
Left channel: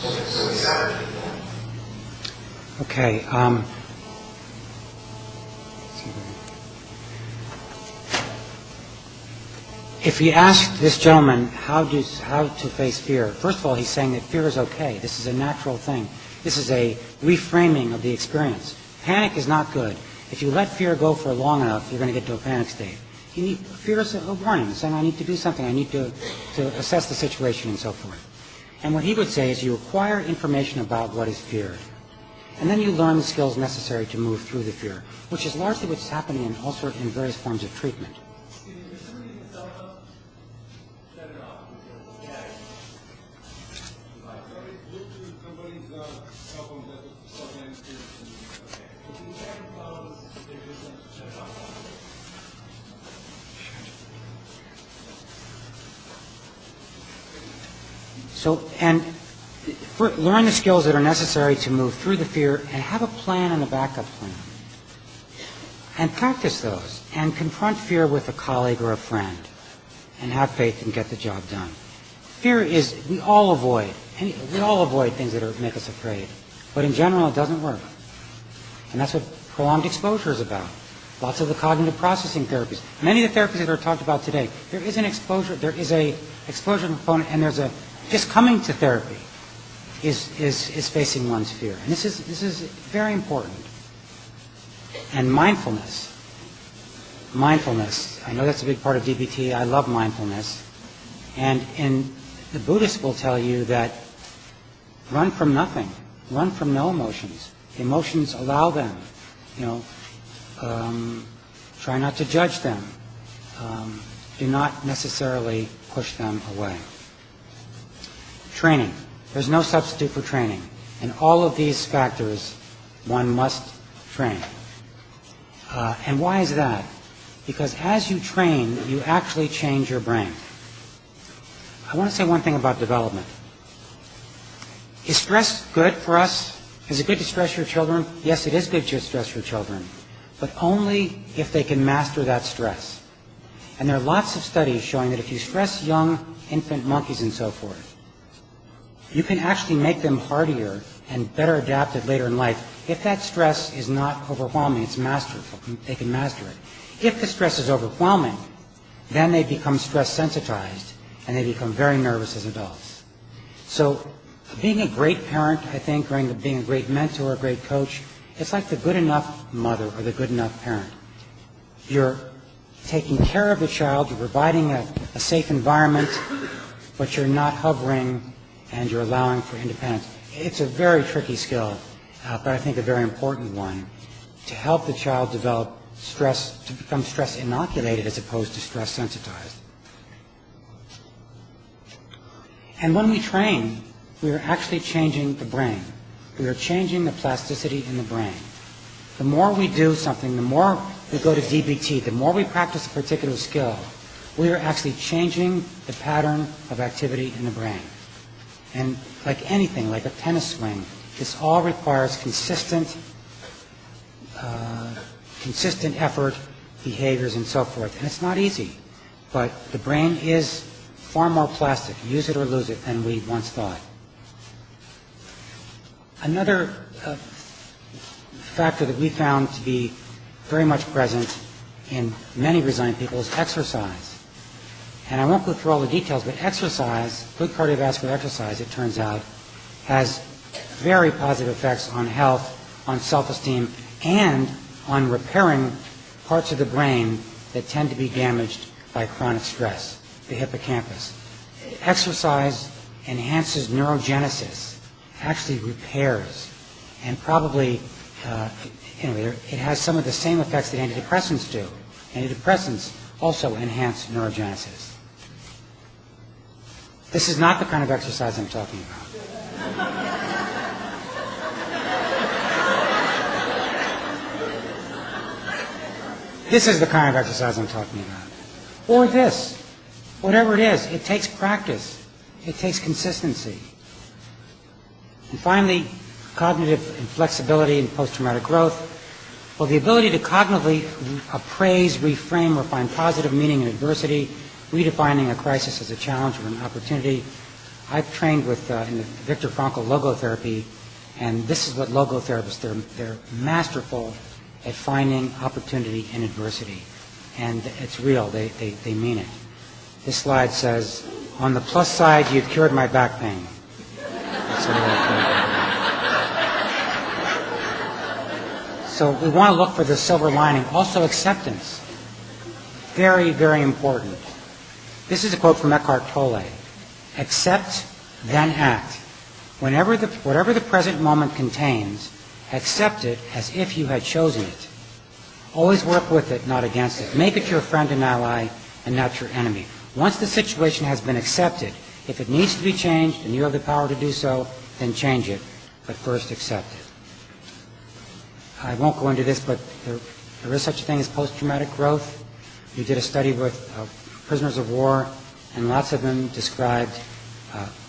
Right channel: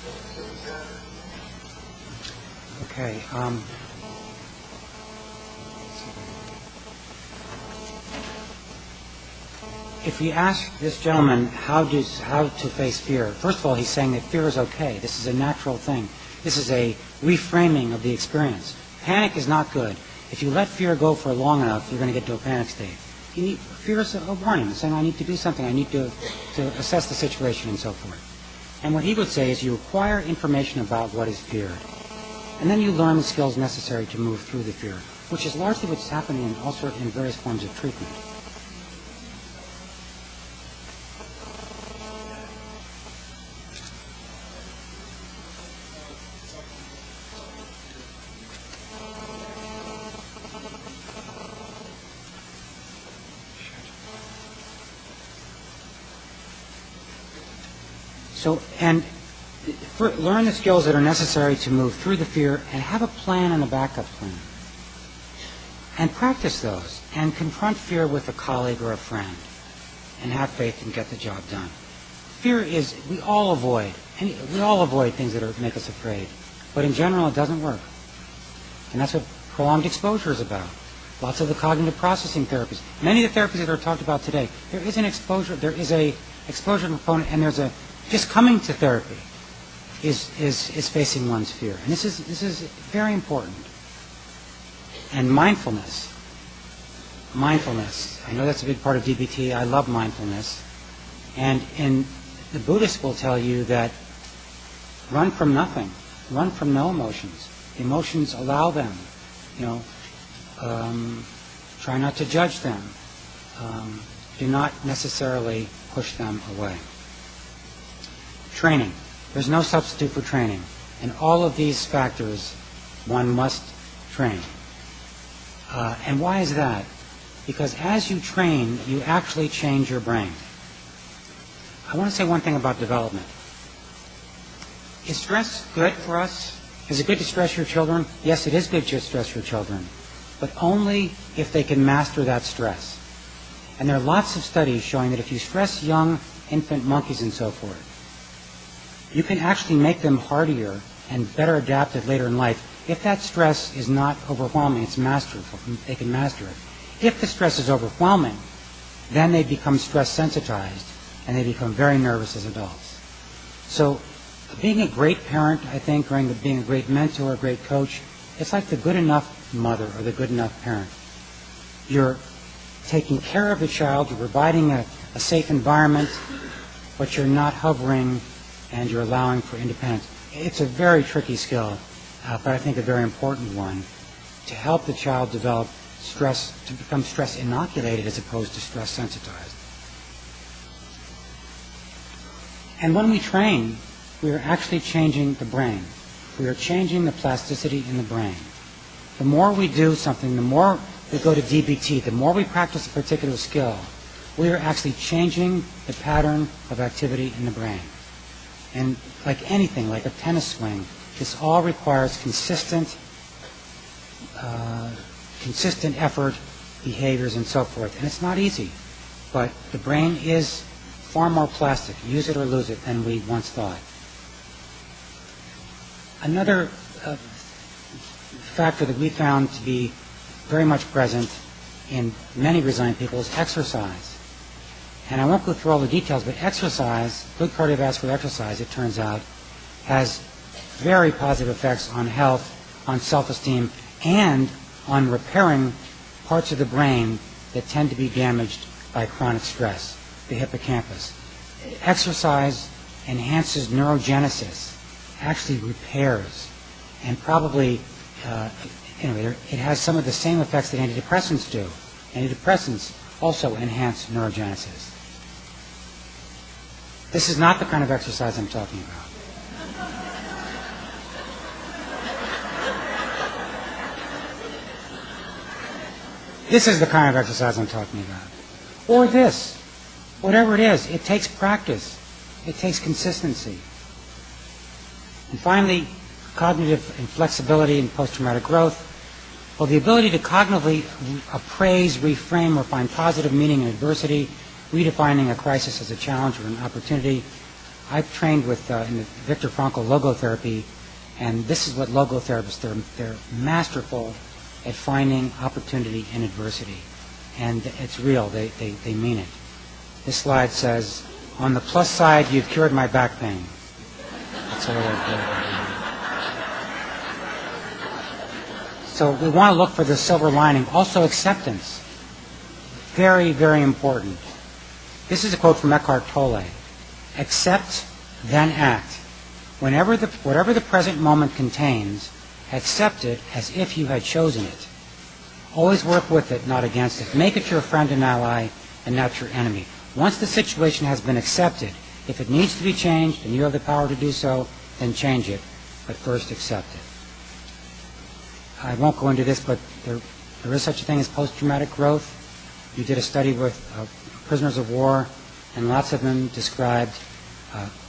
So we separated that. Okay. If you ask this gentleman how to face fear, first of all, he's saying that fear is okay. This is a natural thing. This is a reframing of the experience. Panic is not good. If you let fear go for long enough, you're going to get to a panic state. Fear is a warning, saying I need to do something, I need to assess the situation and so forth. And what he would say is you acquire information about what is feared. And then you learn the skills necessary to move through the fear, which is largely what's happening in various forms of treatment. So, and learn the skills that are necessary to move through the fear and have a plan and a backup plan. And practice those and confront fear with a colleague or a friend and have faith and get the job done. Fear is, we all avoid things that make us afraid. But in general, it doesn't work. And that's what prolonged exposure is about. Lots of the cognitive processing therapies. Many of the therapies that are talked about today, there is a exposure component, and there's a just coming to therapy is facing one's fear. And this is very important. And mindfulness. I know that's a big part of DBT. I love mindfulness. And the Buddhists will tell you that run from nothing. Run from no emotions. Emotions, allow them. Try not to judge them. Do not necessarily push them away. Training. There's no substitute for training. In all of these factors, one must train. And why is that? Because as you train, you actually change your brain. I want to say one thing about development. Is stress good for us? Is it good to stress your children? Yes, it is good to stress your children, but only if they can master that stress. And there are lots of studies showing that if you stress young infant monkeys and so forth, you can actually make them hardier and better adapted later in life. If that stress is not overwhelming, it's masterful. They can master it. If the stress is overwhelming, then they become stress sensitized and they become very nervous as adults. So being a great parent, I think, or being a great mentor, a great coach, it's like the good enough mother or the good enough parent. You're taking care of the child, you're providing a safe environment, but you're not hovering and you're allowing for independence. It's a very tricky skill, but I think a very important one to help the child develop stress, to become stress inoculated as opposed to stress sensitized. And when we train, we are actually changing the brain. We are changing the plasticity in the brain. The more we do something, the more we go to DBT, the more we practice a particular skill, we are actually changing the pattern of activity in the brain. And like anything, like a tennis swing, this all requires consistent effort, behaviors, and so forth. And it's not easy. But the brain is far more plastic, use it or lose it, than we once thought. Another factor that we found to be very much present in many resilient people is exercise. And I won't go through all the details, but exercise, good cardiovascular exercise, it turns out, has very positive effects on health, on self-esteem, and on repairing parts of the brain that tend to be damaged by chronic stress, the hippocampus. Exercise enhances neurogenesis, actually repairs, and probably it has some of the same effects that antidepressants do. Antidepressants also enhance neurogenesis. This is not the kind of exercise I'm talking about. This is the kind of exercise I'm talking about. Or this. Whatever it is, it takes practice. It takes consistency. And finally, cognitive flexibility and post-traumatic growth. Well, the ability to cognitively appraise, reframe, or find positive meaning in adversity, redefining a crisis as a challenge or an opportunity. I've trained with in the Viktor Frankl logotherapy, and this is what logotherapists, they're masterful at finding opportunity in adversity. And it's real, they mean it. This slide says, on the plus side, you've cured my back pain. That's all So we want to look for the silver lining. Also acceptance. Very, very important. This is a quote from Eckhart Tolle. Accept, then act. Whatever the present moment contains, accept it as if you had chosen it. Always work with it, not against it. Make it your friend and ally, and not your enemy. Once the situation has been accepted, if it needs to be changed and you have the power to do so, then change it. But first accept it. I won't go into this, but there is such a thing as post-traumatic growth. We did a study with prisoners of war, and lots of them described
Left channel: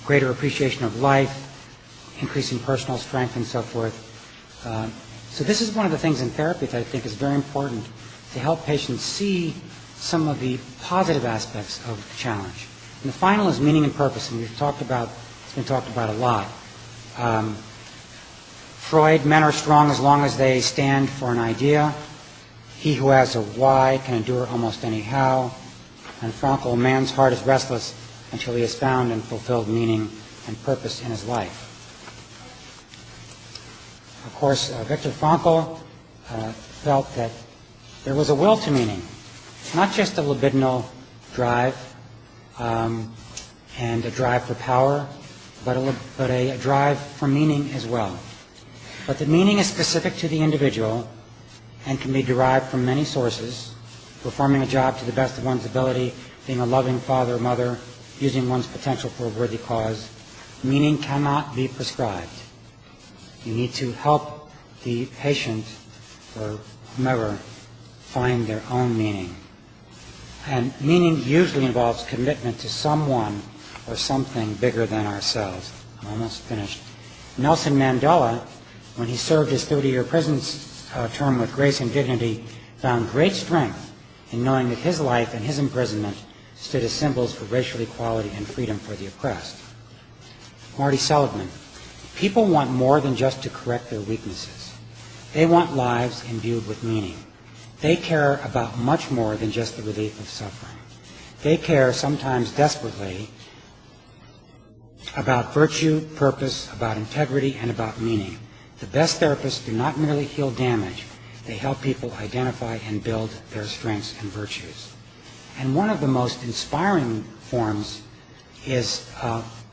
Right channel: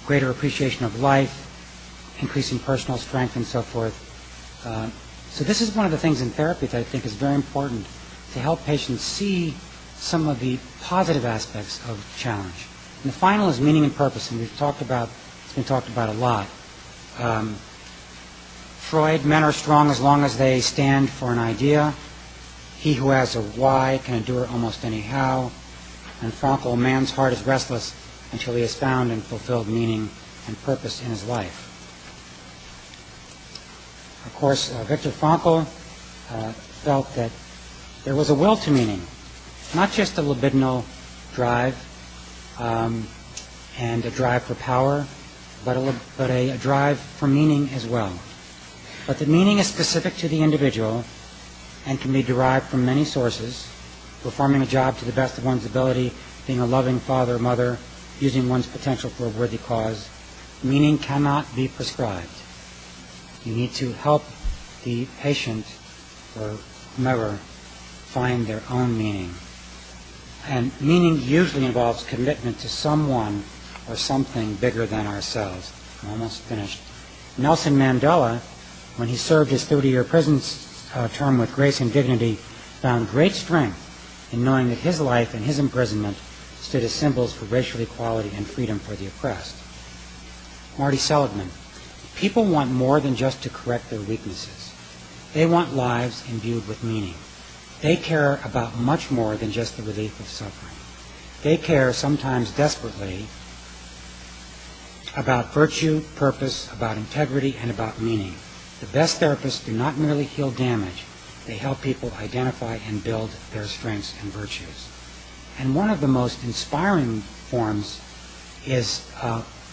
greater appreciation of life, increasing personal strength, and so forth. So this is one of the things in therapy that I think is very important, to help patients see some of the positive aspects of the challenge. And the final is meaning and purpose, and it's been talked about a lot. Freud, men are strong as long as they stand for an idea. He who has a why can endure almost any how. And Frankl, man's heart is restless until he has found and fulfilled meaning and purpose in his life. Of course, Viktor Frankl felt that there was a will to meaning, not just a libidinal drive and a drive for power, but a drive for meaning as well. But the meaning is specific to the individual and can be derived from many sources: performing a job to the best of one's ability, being a loving father or mother, using one's potential for a worthy cause. Meaning cannot be prescribed. You need to help the patient or whomever find their own meaning. And meaning usually involves commitment to someone or something bigger than ourselves. I'm almost finished. Nelson Mandela, when he served his 30-year prison term with grace and dignity, found great strength in knowing that his life and his imprisonment stood as symbols for racial equality and freedom for the oppressed. Marty Seligman, people want more than just to correct their weaknesses. They want lives imbued with meaning. They care about much more than just the relief of suffering. They care, sometimes desperately, about virtue, purpose, about integrity, and about meaning. The best therapists do not merely heal damage. They help people identify and build their strengths and virtues. And one of the most inspiring forms is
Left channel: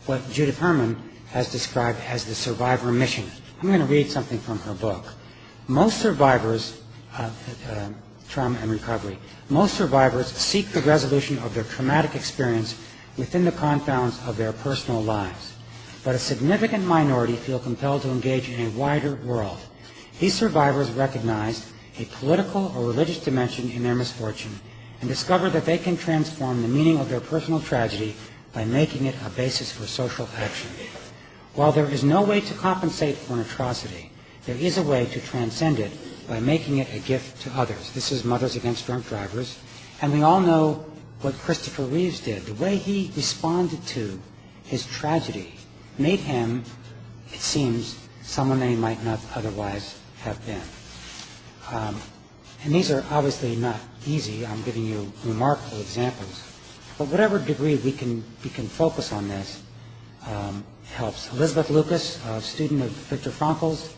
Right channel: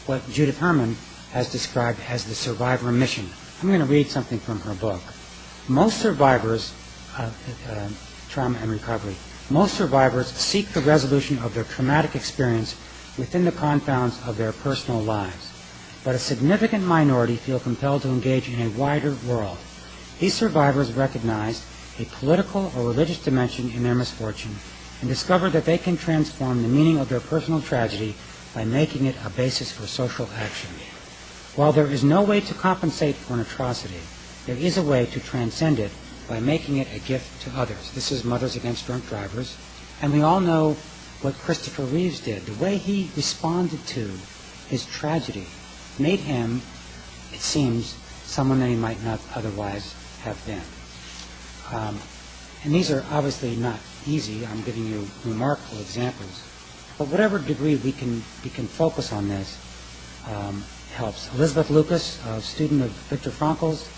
what Judith Herman has described as the survivor mission. I'm going to read something from her book. Most survivors, trauma and recovery, most survivors seek the resolution of their traumatic experience within the confines of their personal lives. But a significant minority feel compelled to engage in a wider world. These survivors recognize a political or religious dimension in their misfortune and discover that they can transform the meaning of their personal tragedy by making it a basis for social action. While there is no way to compensate for an atrocity, there is a way to transcend it by making it a gift to others. This is Mothers Against Drunk Drivers. And we all know what Christopher Reeves did. The way he responded to his tragedy made him, it seems, someone that he might not otherwise have been. And these are obviously not easy. I'm giving you remarkable examples. But whatever degree we can focus on this helps. Elizabeth Lucas, a student of Viktor Frankl's,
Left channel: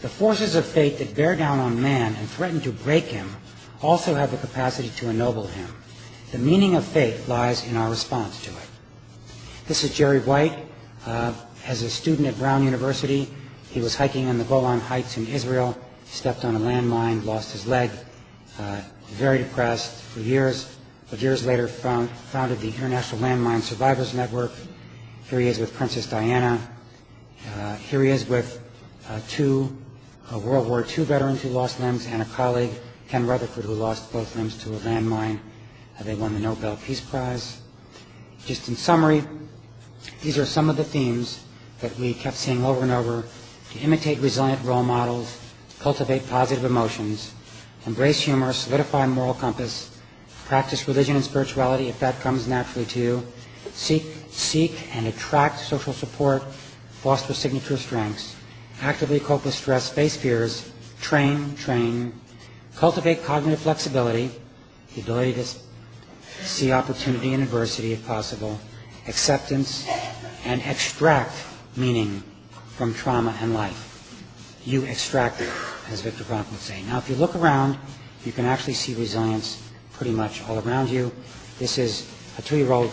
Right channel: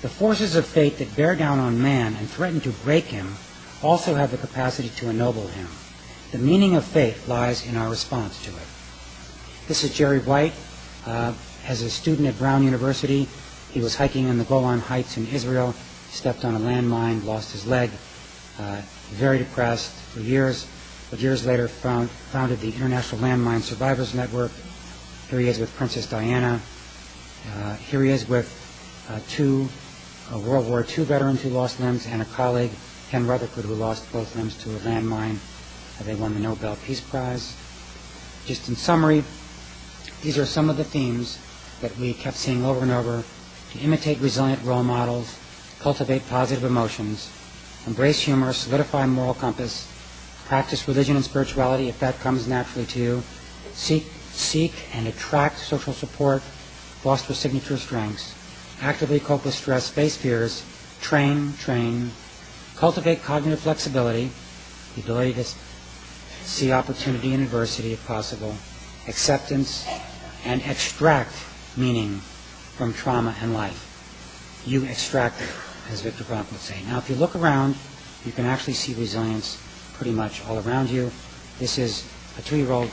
the forces of fate that bear down on man and threaten to break him also have the capacity to ennoble him. The meaning of fate lies in our response to it. This is Jerry White. As a student at Brown University, he was hiking in the Golan Heights in Israel, stepped on a landmine, lost his leg, very depressed for years, but years later founded the International Landmine Survivors Network. Here he is with Princess Diana. Here he is with two World War II veterans who lost limbs and a colleague, Ken Rutherford, who lost both limbs to a landmine. They won the Nobel Peace Prize. Just in summary, these are some of the themes that we kept seeing over and over: to imitate resilient role models, cultivate positive emotions, embrace humor, solidify moral compass, practice religion and spirituality if that comes naturally to you, seek and attract social support, foster signature strengths, actively cope with stress, face fears, train, cultivate cognitive flexibility, the ability to see opportunity in adversity if possible, acceptance, and extract meaning from trauma and life. You extract it, as Viktor Frankl would say. Now, if you look around, you can actually see resilience pretty much all around you. This is a 2-year-old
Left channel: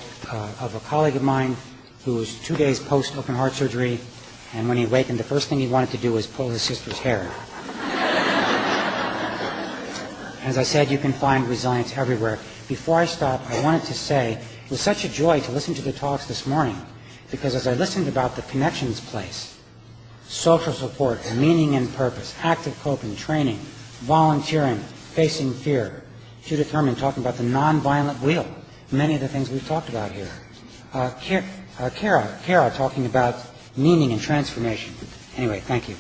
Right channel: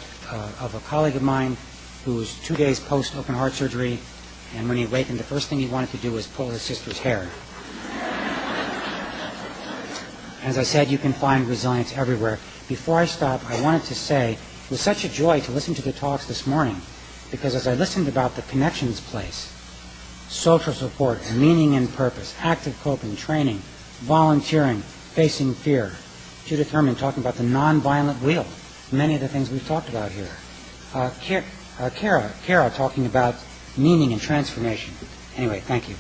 of a colleague of mine who was 2 days post-open heart surgery, and when he awakened, the first thing he wanted to do was pull his sister's hair. As I said, you can find resilience everywhere. Before I stop, I wanted to say it was such a joy to listen to the talks this morning, because as I listened about the connections place, social support, meaning and purpose, active coping, training, volunteering, facing fear, Judith Herman talking about the nonviolent wheel, many of the things we've talked about here. Kara talking about meaning and transformation. Anyway, thank you.